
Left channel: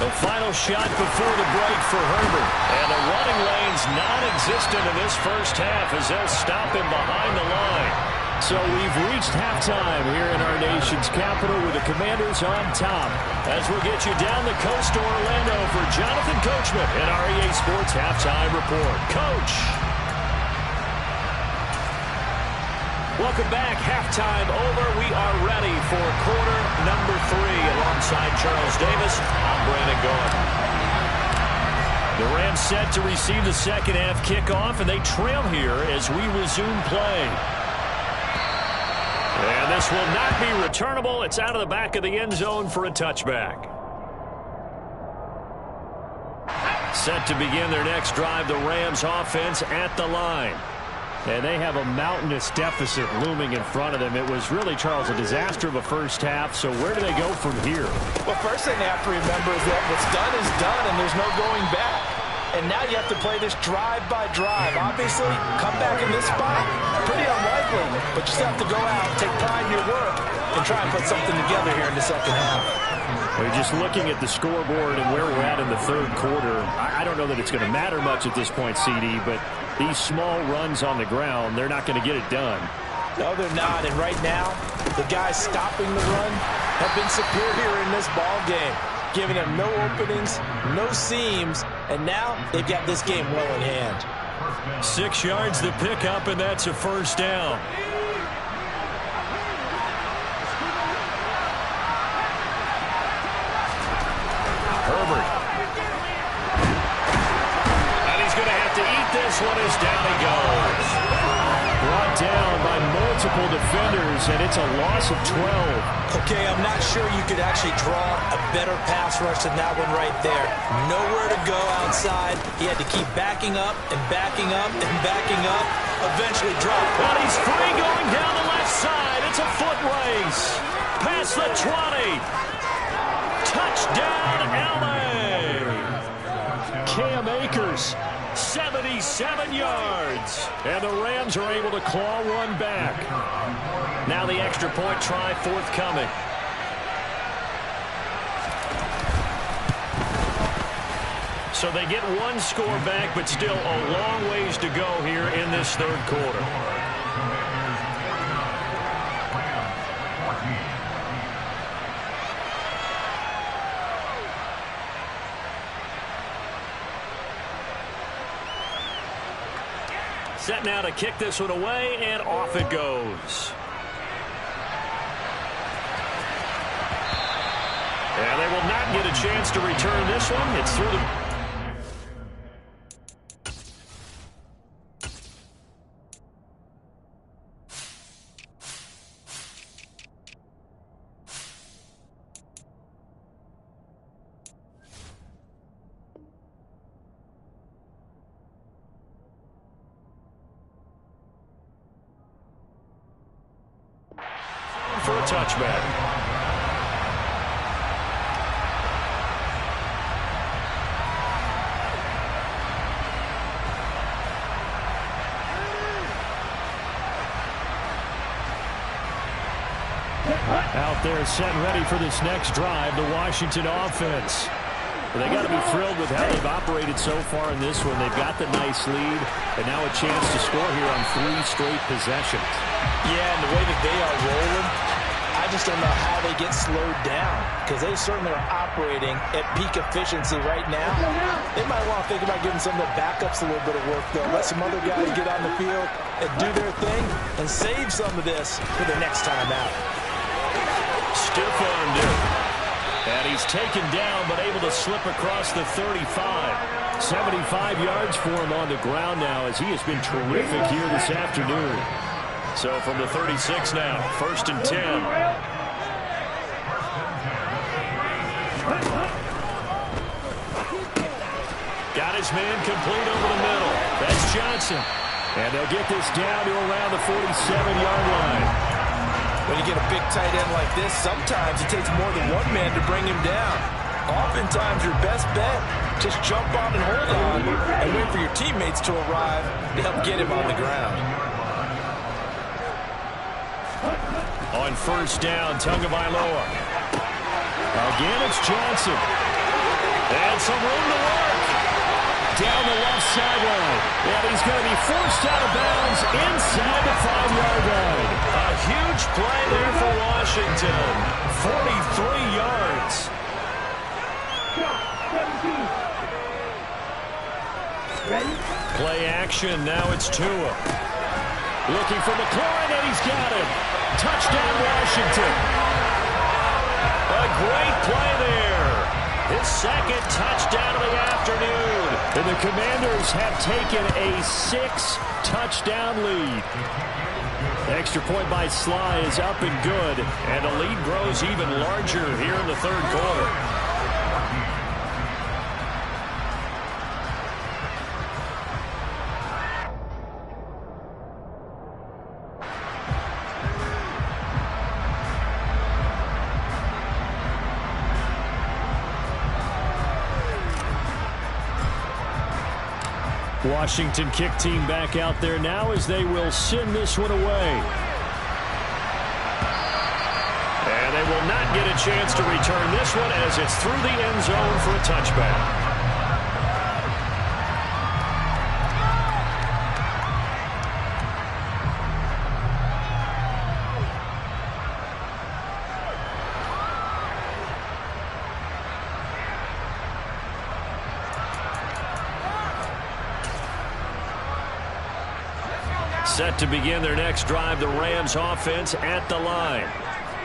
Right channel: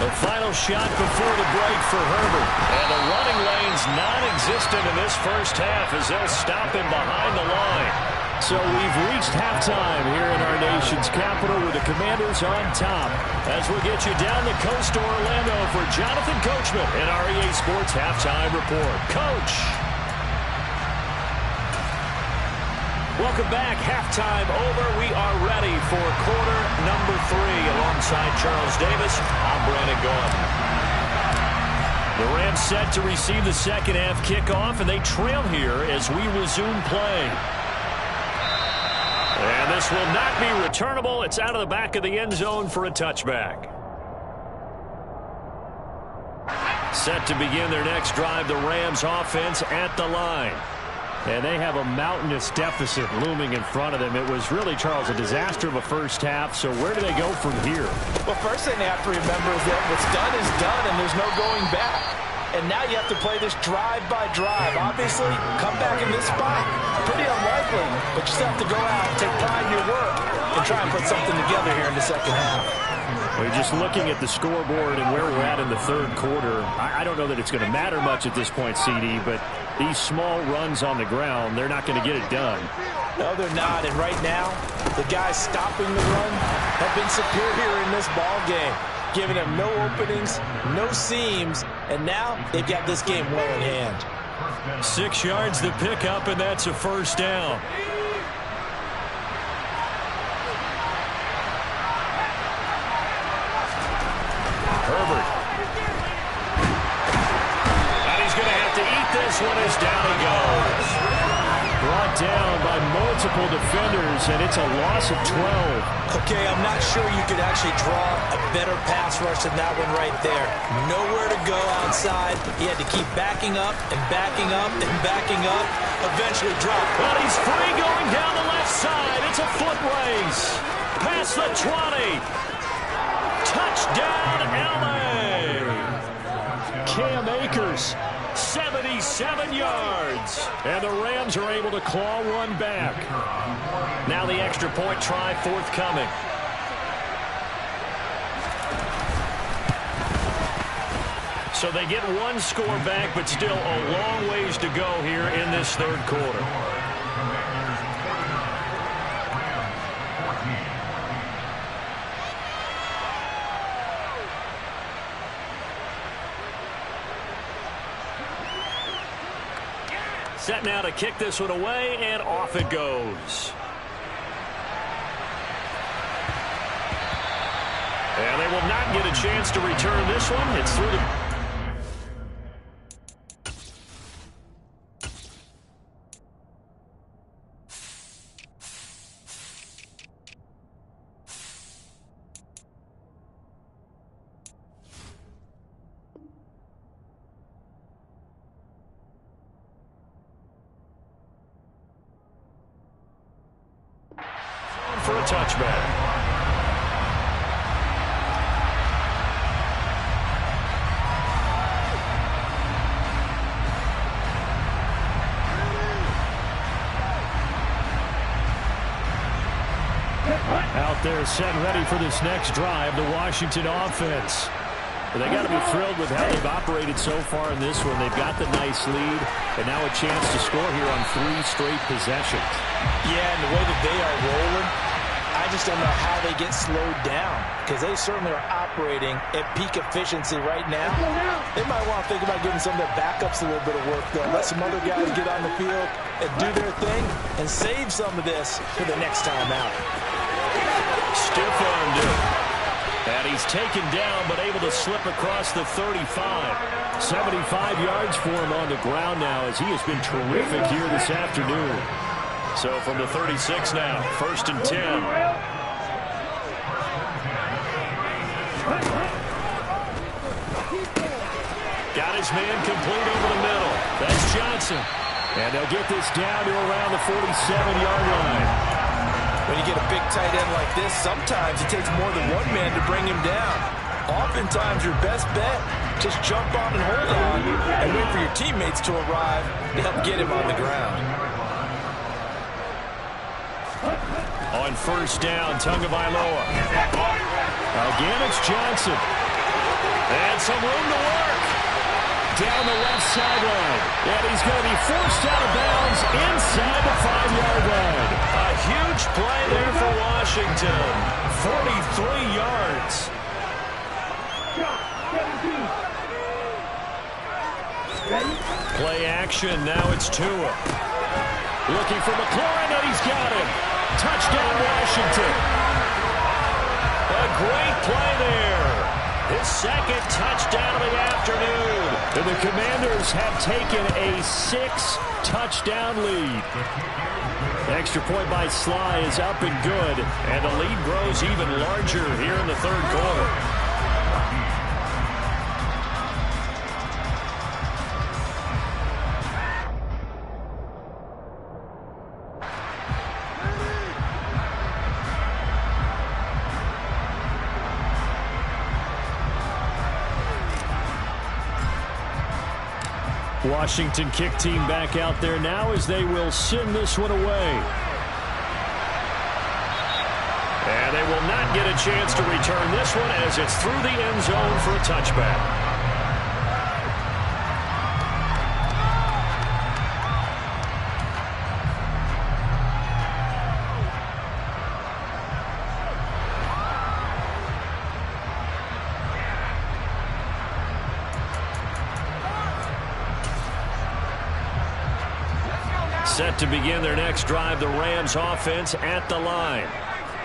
The final shot before the break for Herbert. And the running lane's non-existent in this first half as they'll him behind the line. So we've reached halftime here in our nation's capital with the Commanders on top. As we'll get you down the coast to Orlando for Jonathan Coachman in our EA Sports Halftime Report. Coach! Welcome back. Halftime over. We are ready for quarter number 3. Alongside Charles Davis, I'm Brandon Gaudin. The Rams set to receive the second half kickoff, and they trail here as we resume play. And this will not be returnable. It's out of the back of the end zone for a touchback. Set to begin their next drive, the Rams offense at the line. And they have a mountainous deficit looming in front of them. It was really, Charles, a disaster of a first half. So where do they go from here? Well, first thing they have to remember is that what's done is done, and there's no going back. And now you have to play this drive by drive. Obviously, come back in this spot, pretty unlikely. But you still have to go out, take pride in your work, and try and put something together here in the second half. Well, just looking at the scoreboard and where we're at in the third quarter, I don't know that it's going to matter much at this point, CD, but these small runs on the ground, they're not going to get it done. No, they're not. And right now, the guys stopping the run have been superior in this ball game, giving them no openings, no seams, and now they've got this game well in hand. 6 yards the pickup, and that's a first down. Herbert. And he's going to have to eat this one as down he goes. Brought down by multiple defenders, and it's a loss of 12. Okay, I'm not sure you could actually draw a better pass rush than that one right there. Nowhere to go outside. He had to keep backing up and backing up and backing up. Eventually dropped. But he's free going down the left side. It's a foot race. Past the 20. Touchdown, LA. Cam Akers, 77 yards. And the Rams are able to claw one back. Now the extra point try forthcoming. So they get one score back, but still a long ways to go here in this third quarter. Set now to kick this one away, and off it goes. And they will not get a chance to return this one. It's through the... for a touchback. Out there set ready for this next drive, the Washington offense. But they got to be thrilled with how they've operated so far in this one. They've got the nice lead, and now a chance to score here on 3 straight possessions. Yeah, and the way that they are rolling, I just don't know how they get slowed down, because they certainly are operating at peak efficiency right now. They might want to think about giving some of their backups a little bit of work, though. Let some other guys get on the field and do their thing and save some of this for the next time out. Stiff-armed it. And he's taken down, but able to slip across the 35. 75 yards for him on the ground now, as he has been terrific here this afternoon. So from the 36 now, 1st and 10. Got Got his man complete over the middle. That's Johnson. And they'll get this down to around the 47-yard line. When you get a big tight end like this, sometimes it takes more than one man to bring him down. Oftentimes, your best bet, just jump on and hold on and wait for your teammates to arrive to help get him on the ground. On first down, Tagovailoa. Again, it's Johnson. And some room to work. Down the left sideline. And he's going to be forced out of bounds inside the 5-yard line. A huge play there for Washington. 43 yards. Play action. Now it's Tua. Looking for McLaurin, and he's got him. Touchdown, Washington. A great play there. His second touchdown of the afternoon. And the Commanders have taken a 6-touchdown lead. Extra point by Sly is up and good. And the lead grows even larger here in the third quarter. Washington kick team back out there now as they will send this one away. And they will not get a chance to return this one as it's through the end zone for a touchback. Set to begin their next drive, the Rams offense at the line.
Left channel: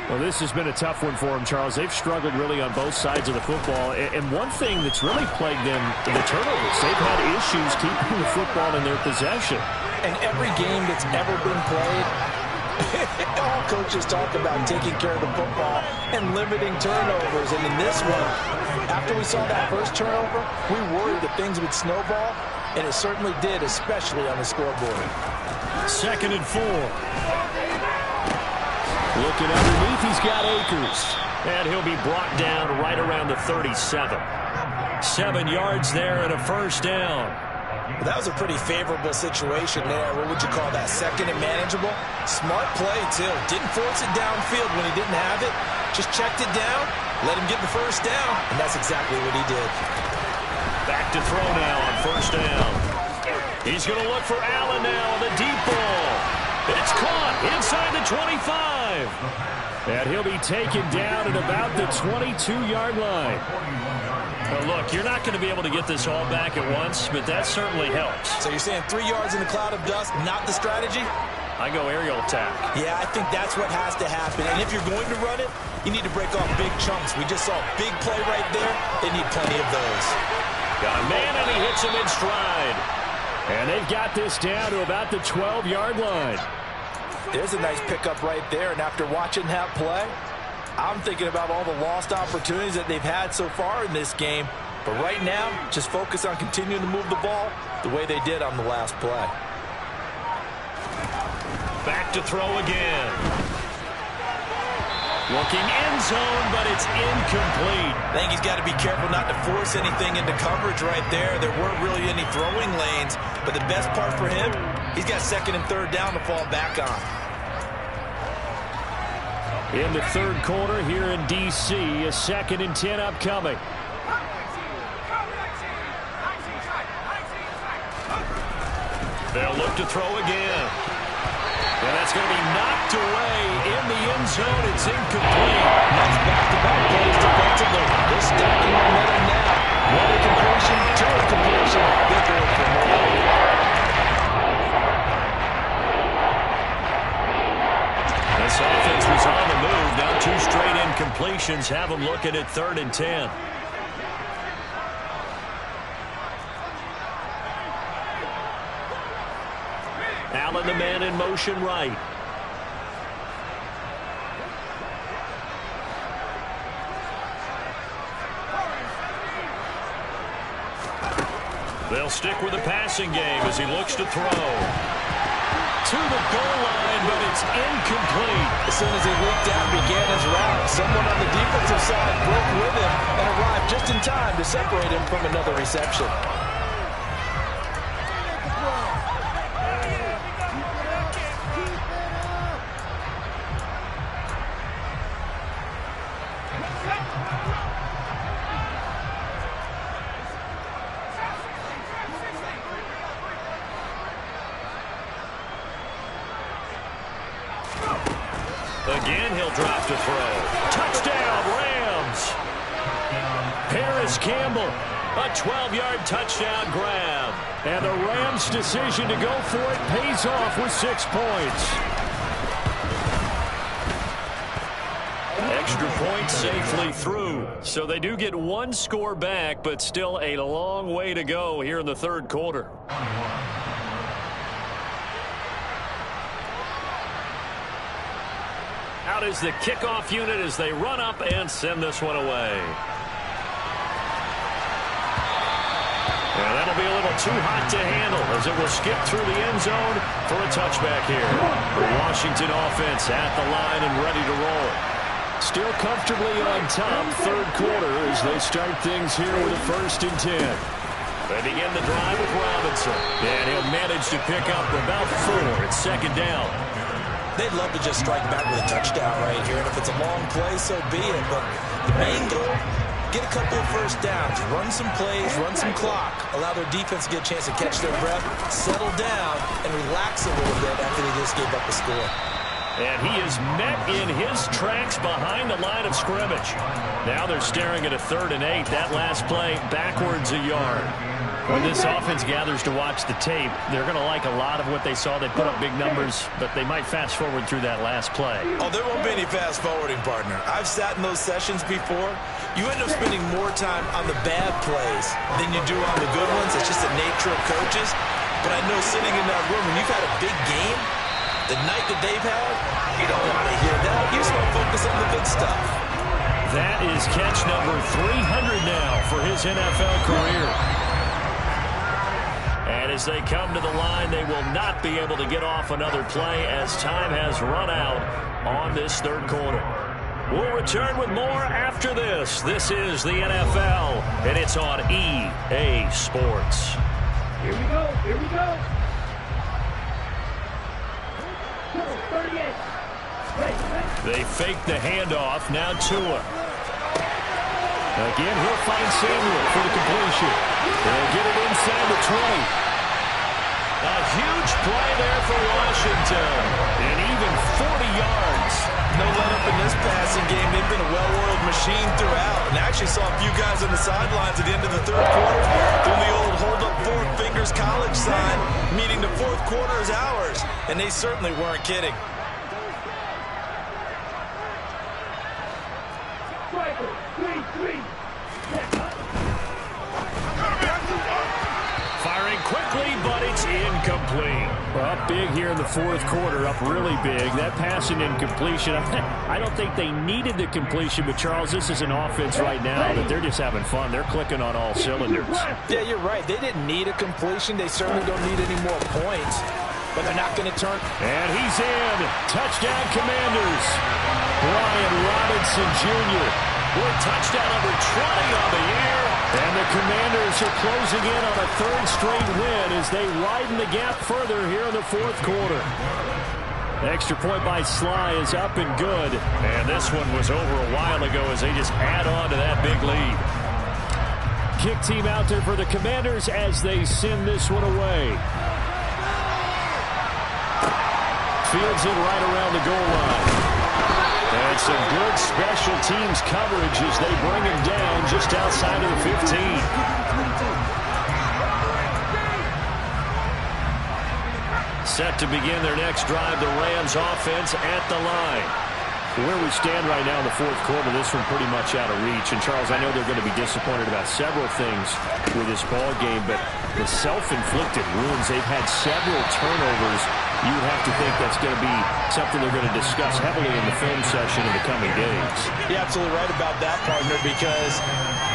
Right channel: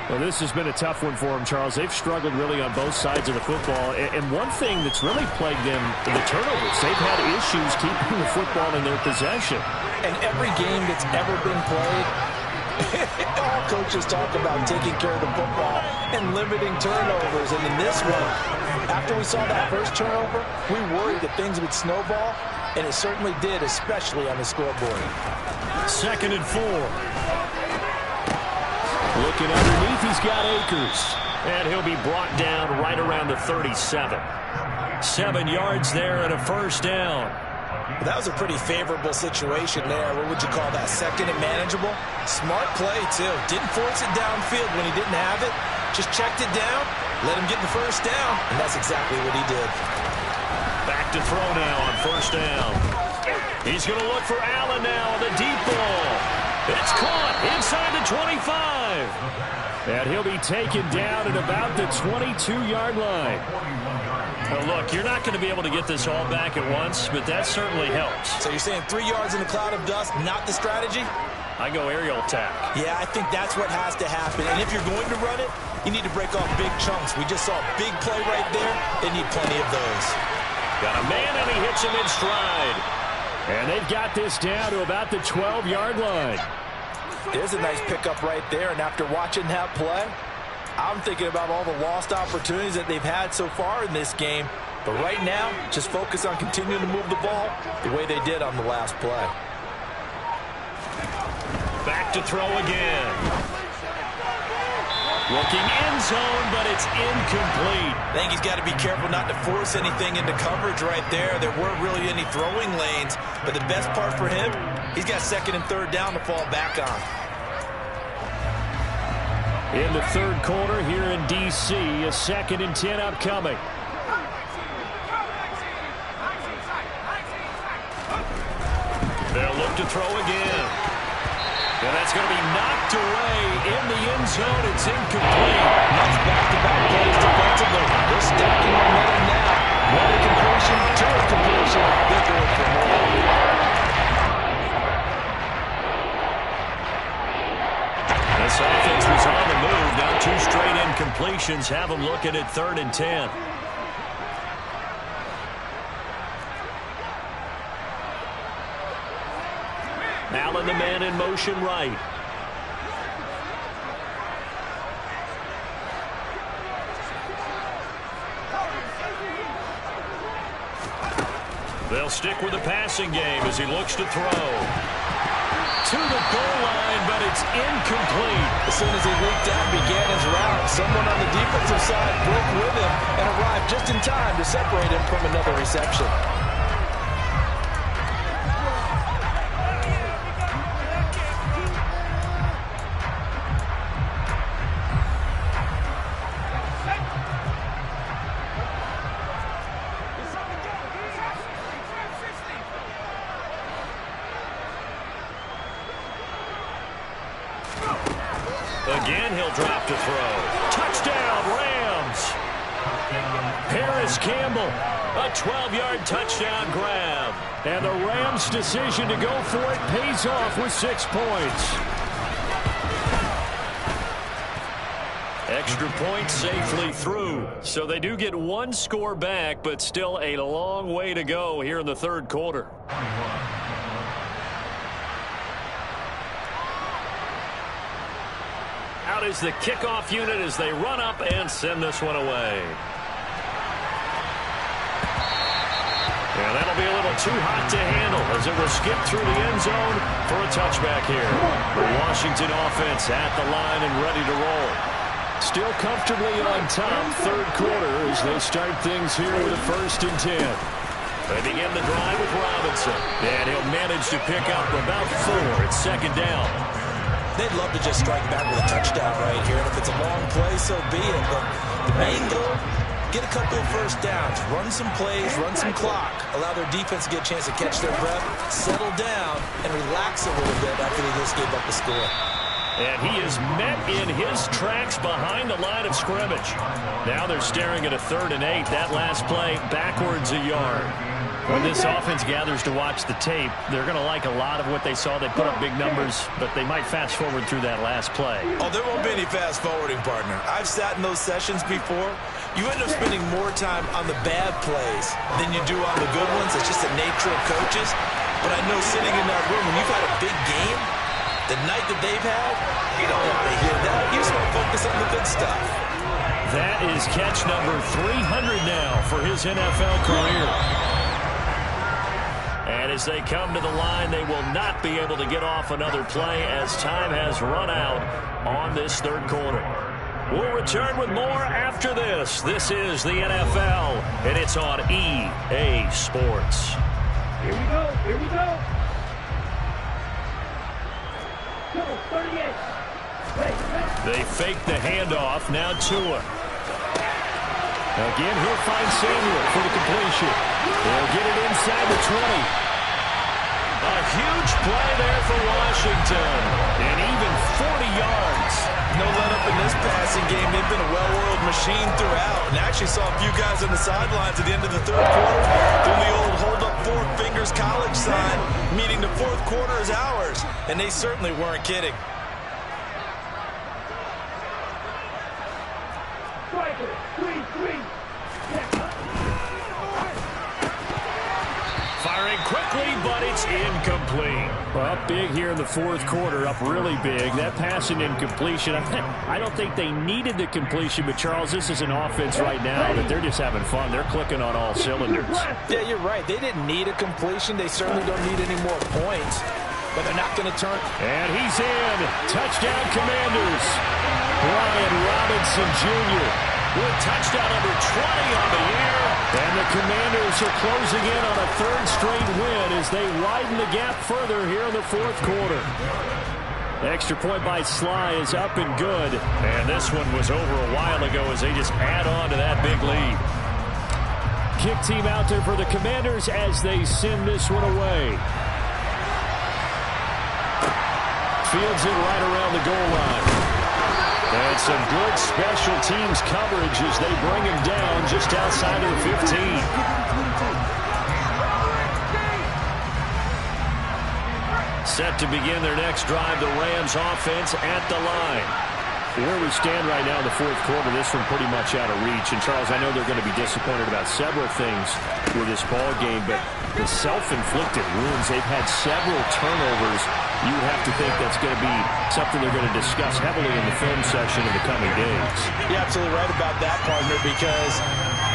Well, this has been a tough one for them, Charles. They've struggled really on both sides of the football. And one thing that's really plagued them, the turnovers. They've had issues keeping the football in their possession. And every game that's ever been played, all coaches talk about taking care of the football and limiting turnovers. And in this one, after we saw that first turnover, we worried that things would snowball. And it certainly did, especially on the scoreboard. 2nd and 4. Looking underneath, he's got Akers. And he'll be brought down right around the 37. 7 yards there and a first down. Well, that was a pretty favorable situation there. What would you call that? 2nd and manageable? Smart play, too. Didn't force it downfield when he didn't have it. Just checked it down, let him get the first down, and that's exactly what he did. Back to throw now on first down. He's going to look for Allen now on the deep ball. It's caught inside the 25. And he'll be taken down at about the 22-yard line. Well, look, you're not going to be able to get this all back at once, but that certainly helps. So you're saying 3 yards in a cloud of dust, not the strategy? I go aerial attack. Yeah, I think that's what has to happen. And if you're going to run it, you need to break off big chunks. We just saw a big play right there. They need plenty of those. Got a man, and he hits him in stride. And they've got this down to about the 12-yard line. There's a nice pickup right there. And after watching that play, I'm thinking about all the lost opportunities that they've had so far in this game. But right now, just focus on continuing to move the ball the way they did on the last play. Back to throw again. Looking end zone, but it's incomplete. I think he's got to be careful not to force anything into coverage right there. There weren't really any throwing lanes, but the best part for him, he's got 2nd and 3rd down to fall back on. In the third quarter here in D.C., a 2nd and 10 upcoming. They'll look to throw again. And that's going to be knocked away in the end zone. It's incomplete. That's back-to-back plays defensively. They're stacking momentum now. One incompletion, 2 incompletion. They're going for more. This offense was on the move. Now 2 straight incompletions have them looking at 3rd and 10. Allen, the man in motion right. They'll stick with the passing game as he looks to throw. To the goal line, but it's incomplete. As soon as he leaked out and began his route, someone on the defensive side broke with him and arrived just in time to separate him from another reception. Again, he'll drop to throw. Touchdown, Rams! Paris Campbell, a 12-yard touchdown grab. And the Rams' decision to go for it pays off with 6 points. Extra point safely through. So they do get 1 score back, but still a long way to go here in the third quarter. Out is the kickoff unit as they run up and send this one away. And that'll be a little too hot to handle as it will skip through the end zone for a touchback here. The Washington offense at the line and ready to roll. Still comfortably on top, third quarter as they start things here with a 1st and 10. They begin the drive with Robinson. And he'll manage to pick up about 4 at 2nd down. They'd love to just strike back with a touchdown right here, and if it's a long play, so be it. But the main goal, get a couple of first downs, run some plays, run some clock, allow their defense to get a chance to catch their breath, settle down, and relax a little bit after they just gave up a score. And he is met in his tracks behind the line of scrimmage. Now they're staring at a 3rd and 8. That last play backwards a yard. When this offense gathers to watch the tape, they're going to like a lot of what they saw. They put up big numbers, but they might fast forward through that last play. Oh, there won't be any fast forwarding, partner. I've sat in those sessions before. You end up spending more time on the bad plays than you do on the good ones. It's just the nature of coaches. But I know sitting in that room, when you've had a big game, the night that they've had, you don't want to hear that. You just want to focus on the good stuff. That is catch number 300 now for his NFL career. And as they come to the line, they will not be able to get off another play as time has run out on this third quarter. We'll return with more after this. This is the NFL, and it's on EA Sports. Here we go. Here we go. 38. They fake the handoff. Now Tua. Again, he'll find Samuel for the completion. They'll get it inside the 20. A huge play there for Washington. And even 40 yards. No let-up in this passing game. They've been a well-oiled machine throughout. And actually saw a few guys on the sidelines at the end of the third quarter doing the old hold-up 4 fingers college sign, meaning the fourth quarter is ours. And they certainly weren't kidding. Striker, 3-3. Firing quickly, but it's incomplete. Up big here in the fourth quarter, up really big. That passing incompletion, I don't think they needed the completion, but Charles, this is an offense right now that they're just having fun. They're clicking on all cylinders. Yeah, you're right. They didn't need a completion. They certainly don't need any more points, but they're not going to turn. And he's in. Touchdown, Commanders. Brian Robinson Jr. with touchdown number 20 on the year. And the Commanders are closing in on a third straight win as they widen the gap further here in the fourth quarter. The extra point by Sly is up and good. And this one was over a while ago as they just add on to that big lead. Kick team out there for the Commanders as they send this one away. Fields it right around the goal line. And some good special teams coverage as they bring him down just outside of the 15. Set to begin their next drive, the Rams offense at the line. Where we stand right now in the fourth quarter, this one pretty much out of reach. And, Charles, I know they're going to be disappointed about several things with this ball game, but the self-inflicted wounds, they've had several turnovers. You would have to think that's going to be something they're going to discuss heavily in the film session in the coming days. You're absolutely right about that, partner, because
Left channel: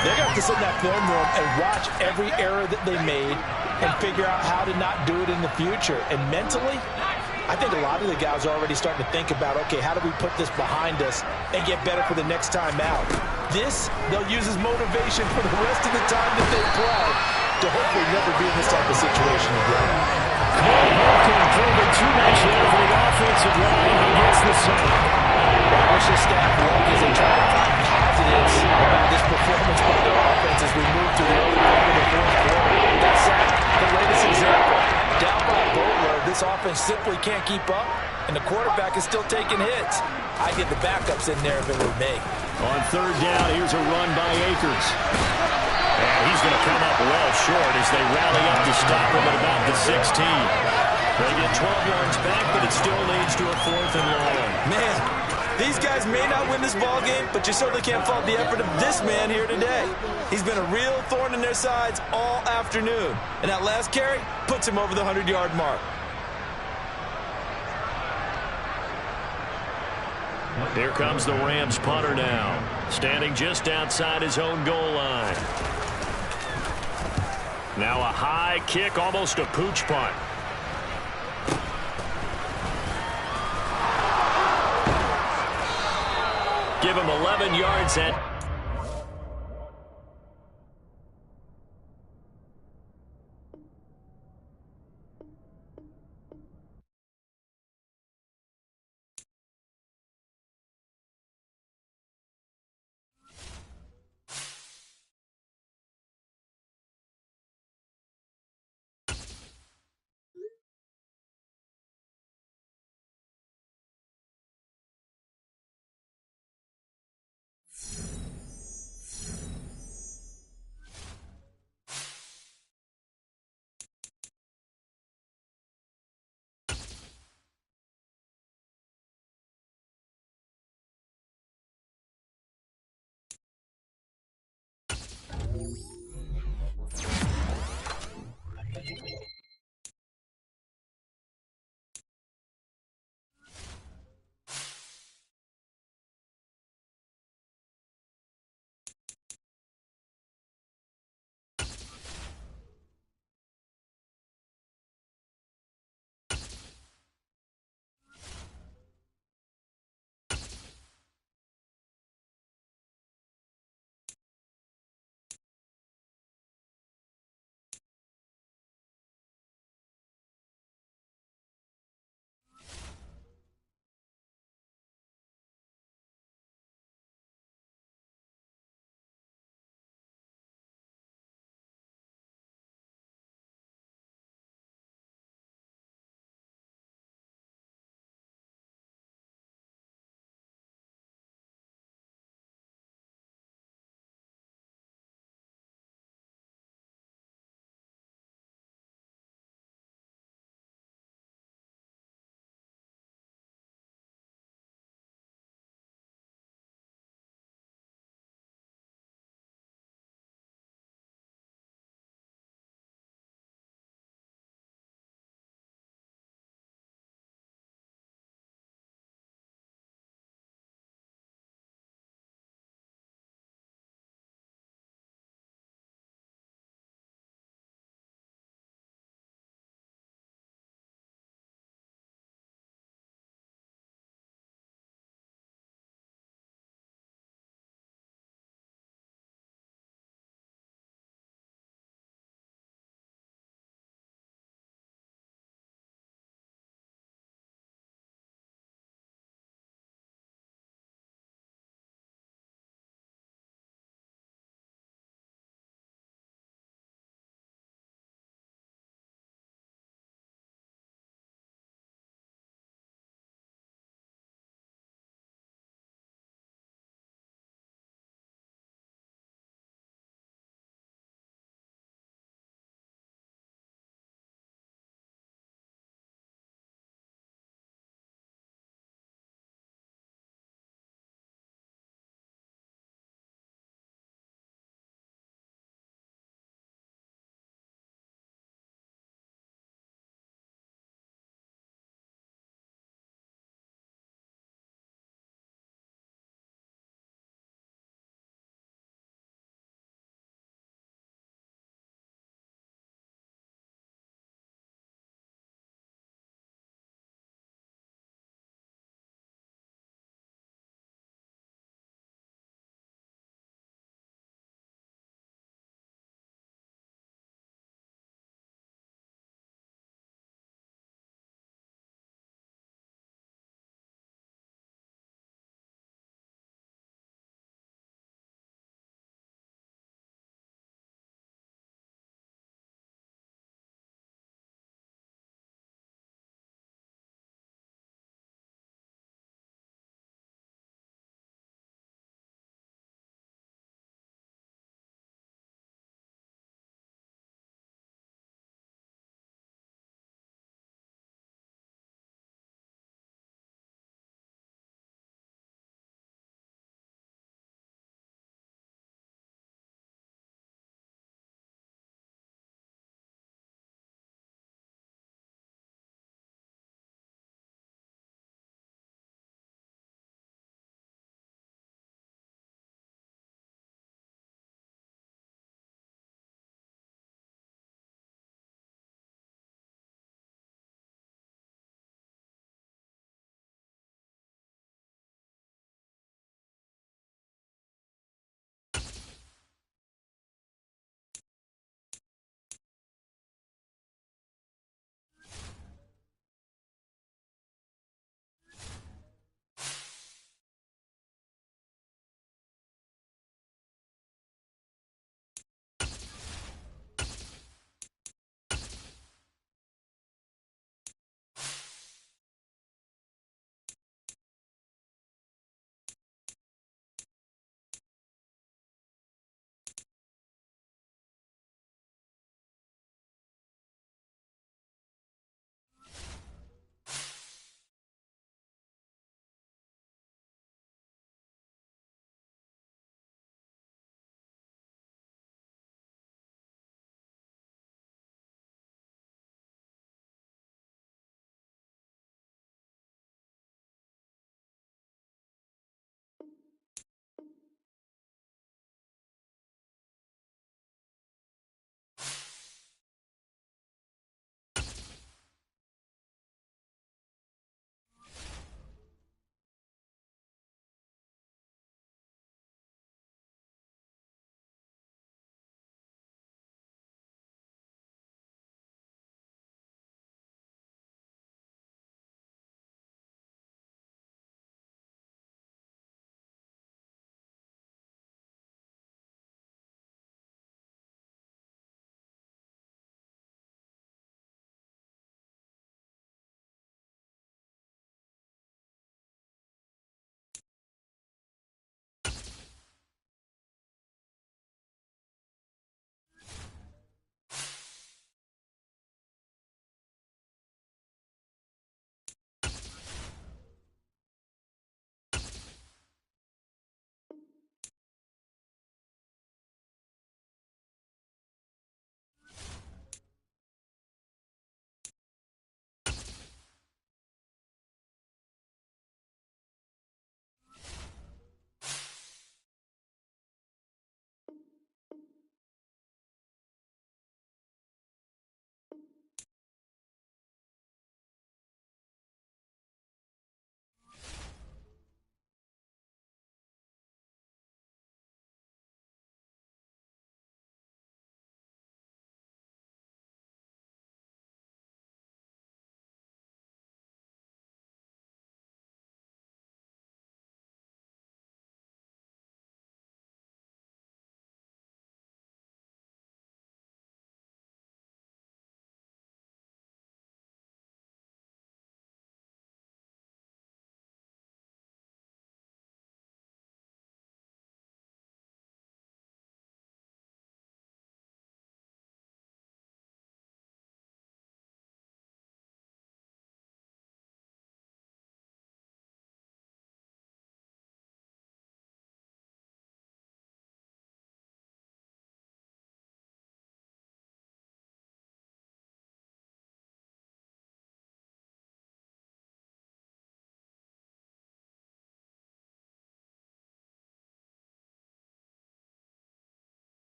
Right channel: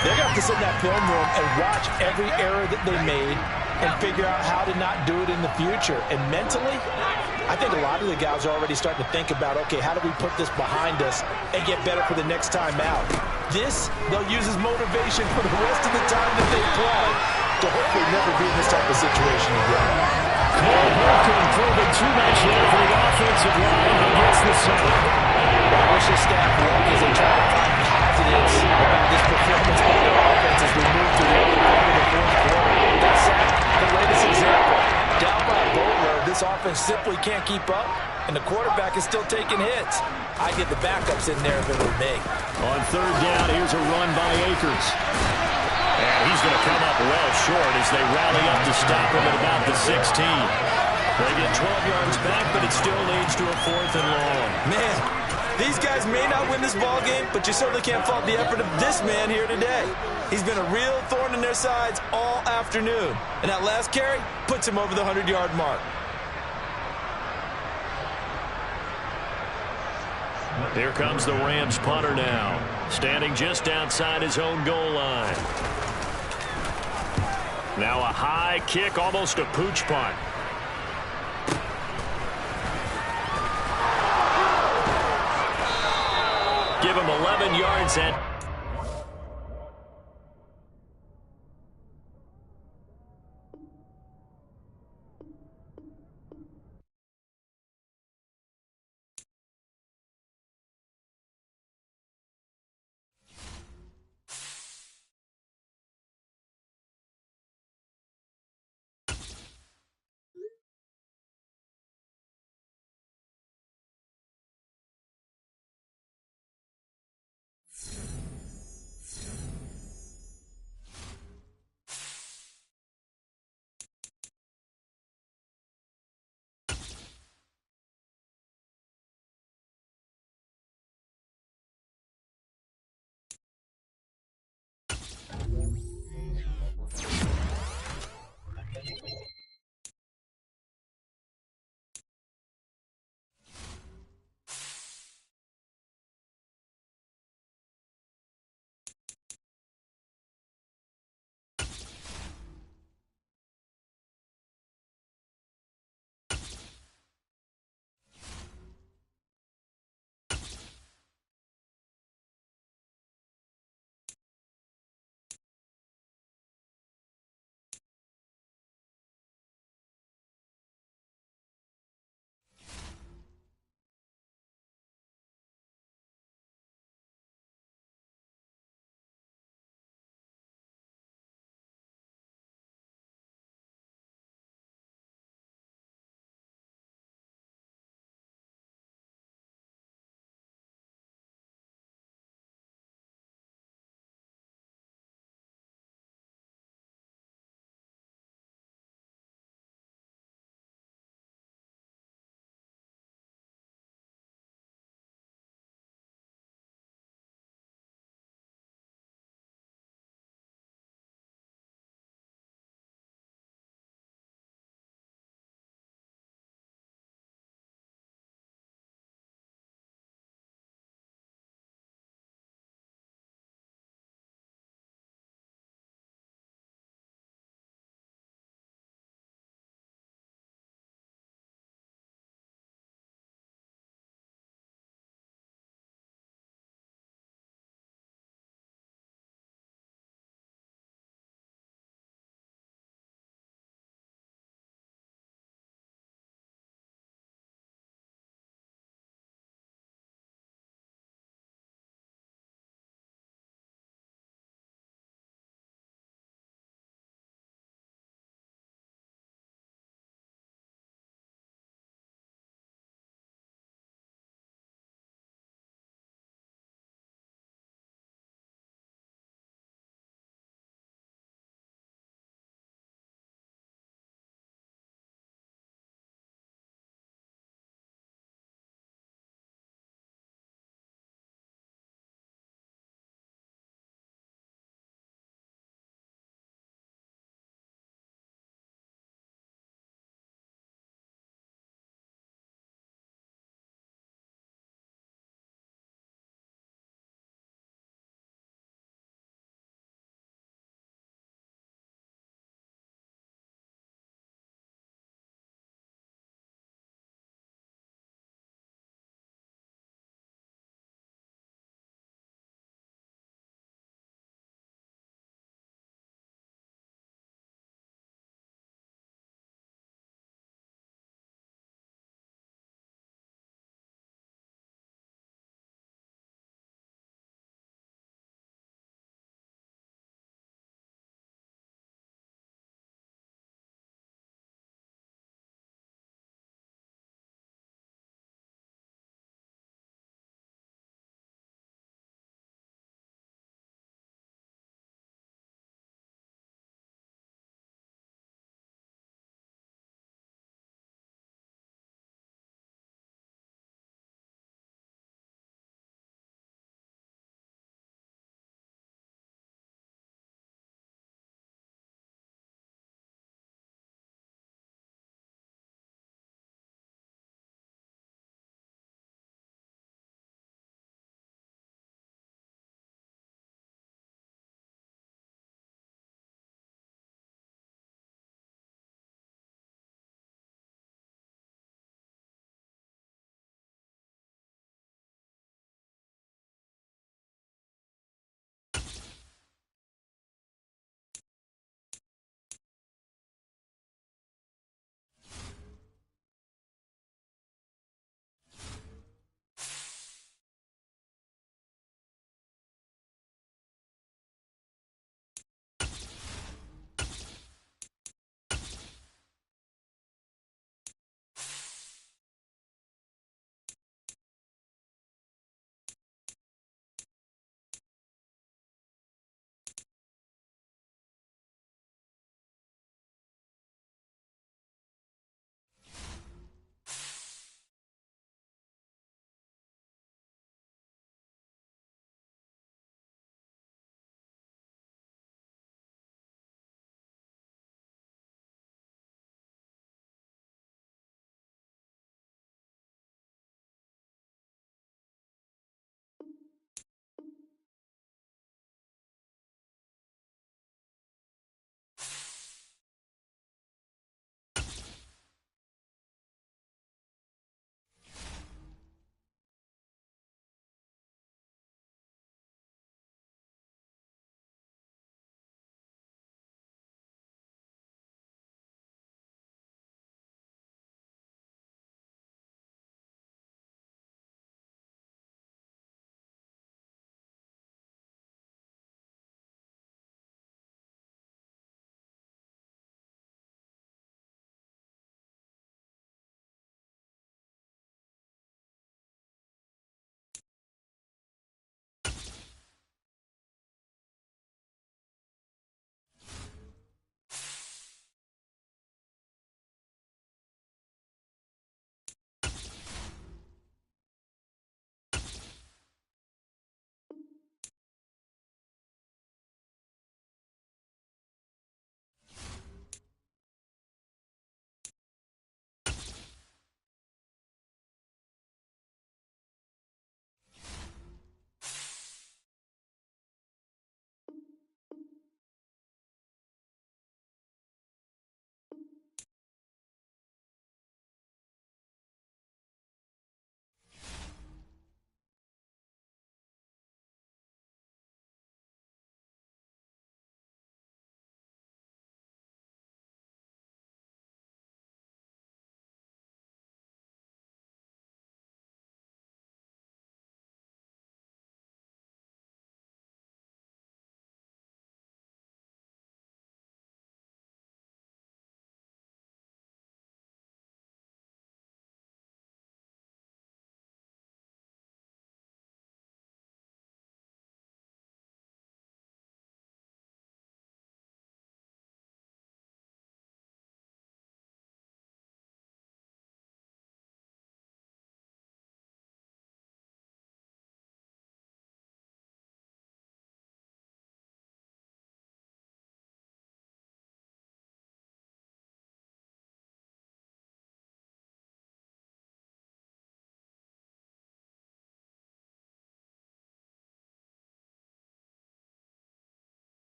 They're going to have to sit in that film room and watch every error that they made and figure out how to not do it in the future. And mentally, I think a lot of the guys are already starting to think about, okay, how do we put this behind us and get better for the next time out? This, they'll use as motivation for the rest of the time that they play to hopefully never be in this type of situation again. Cole Holcomb proving too much there for the offensive line. He gets the sack. I wish the staff would as they try to find positives about this performance by their offense as we move to the early part of the fourth quarter. That sack, the latest example. Down by a boatload, this offense simply can't keep up, and the quarterback is still taking hits. I'd get the backups in there if it were me. On third down, here's a run by Akers. And he's going to come up well short as they rally up to stop him at about the 16. They get 12 yards back, but it still leads to a 4th and long. Man, these guys may not win this ball game, but you certainly can't fault the effort of this man here today. He's been a real thorn in their sides all afternoon. And that last carry puts him over the 100-yard mark. Here comes the Rams punter now, standing just outside his own goal line. Now a high kick, almost a pooch punt. Give him 11 yards at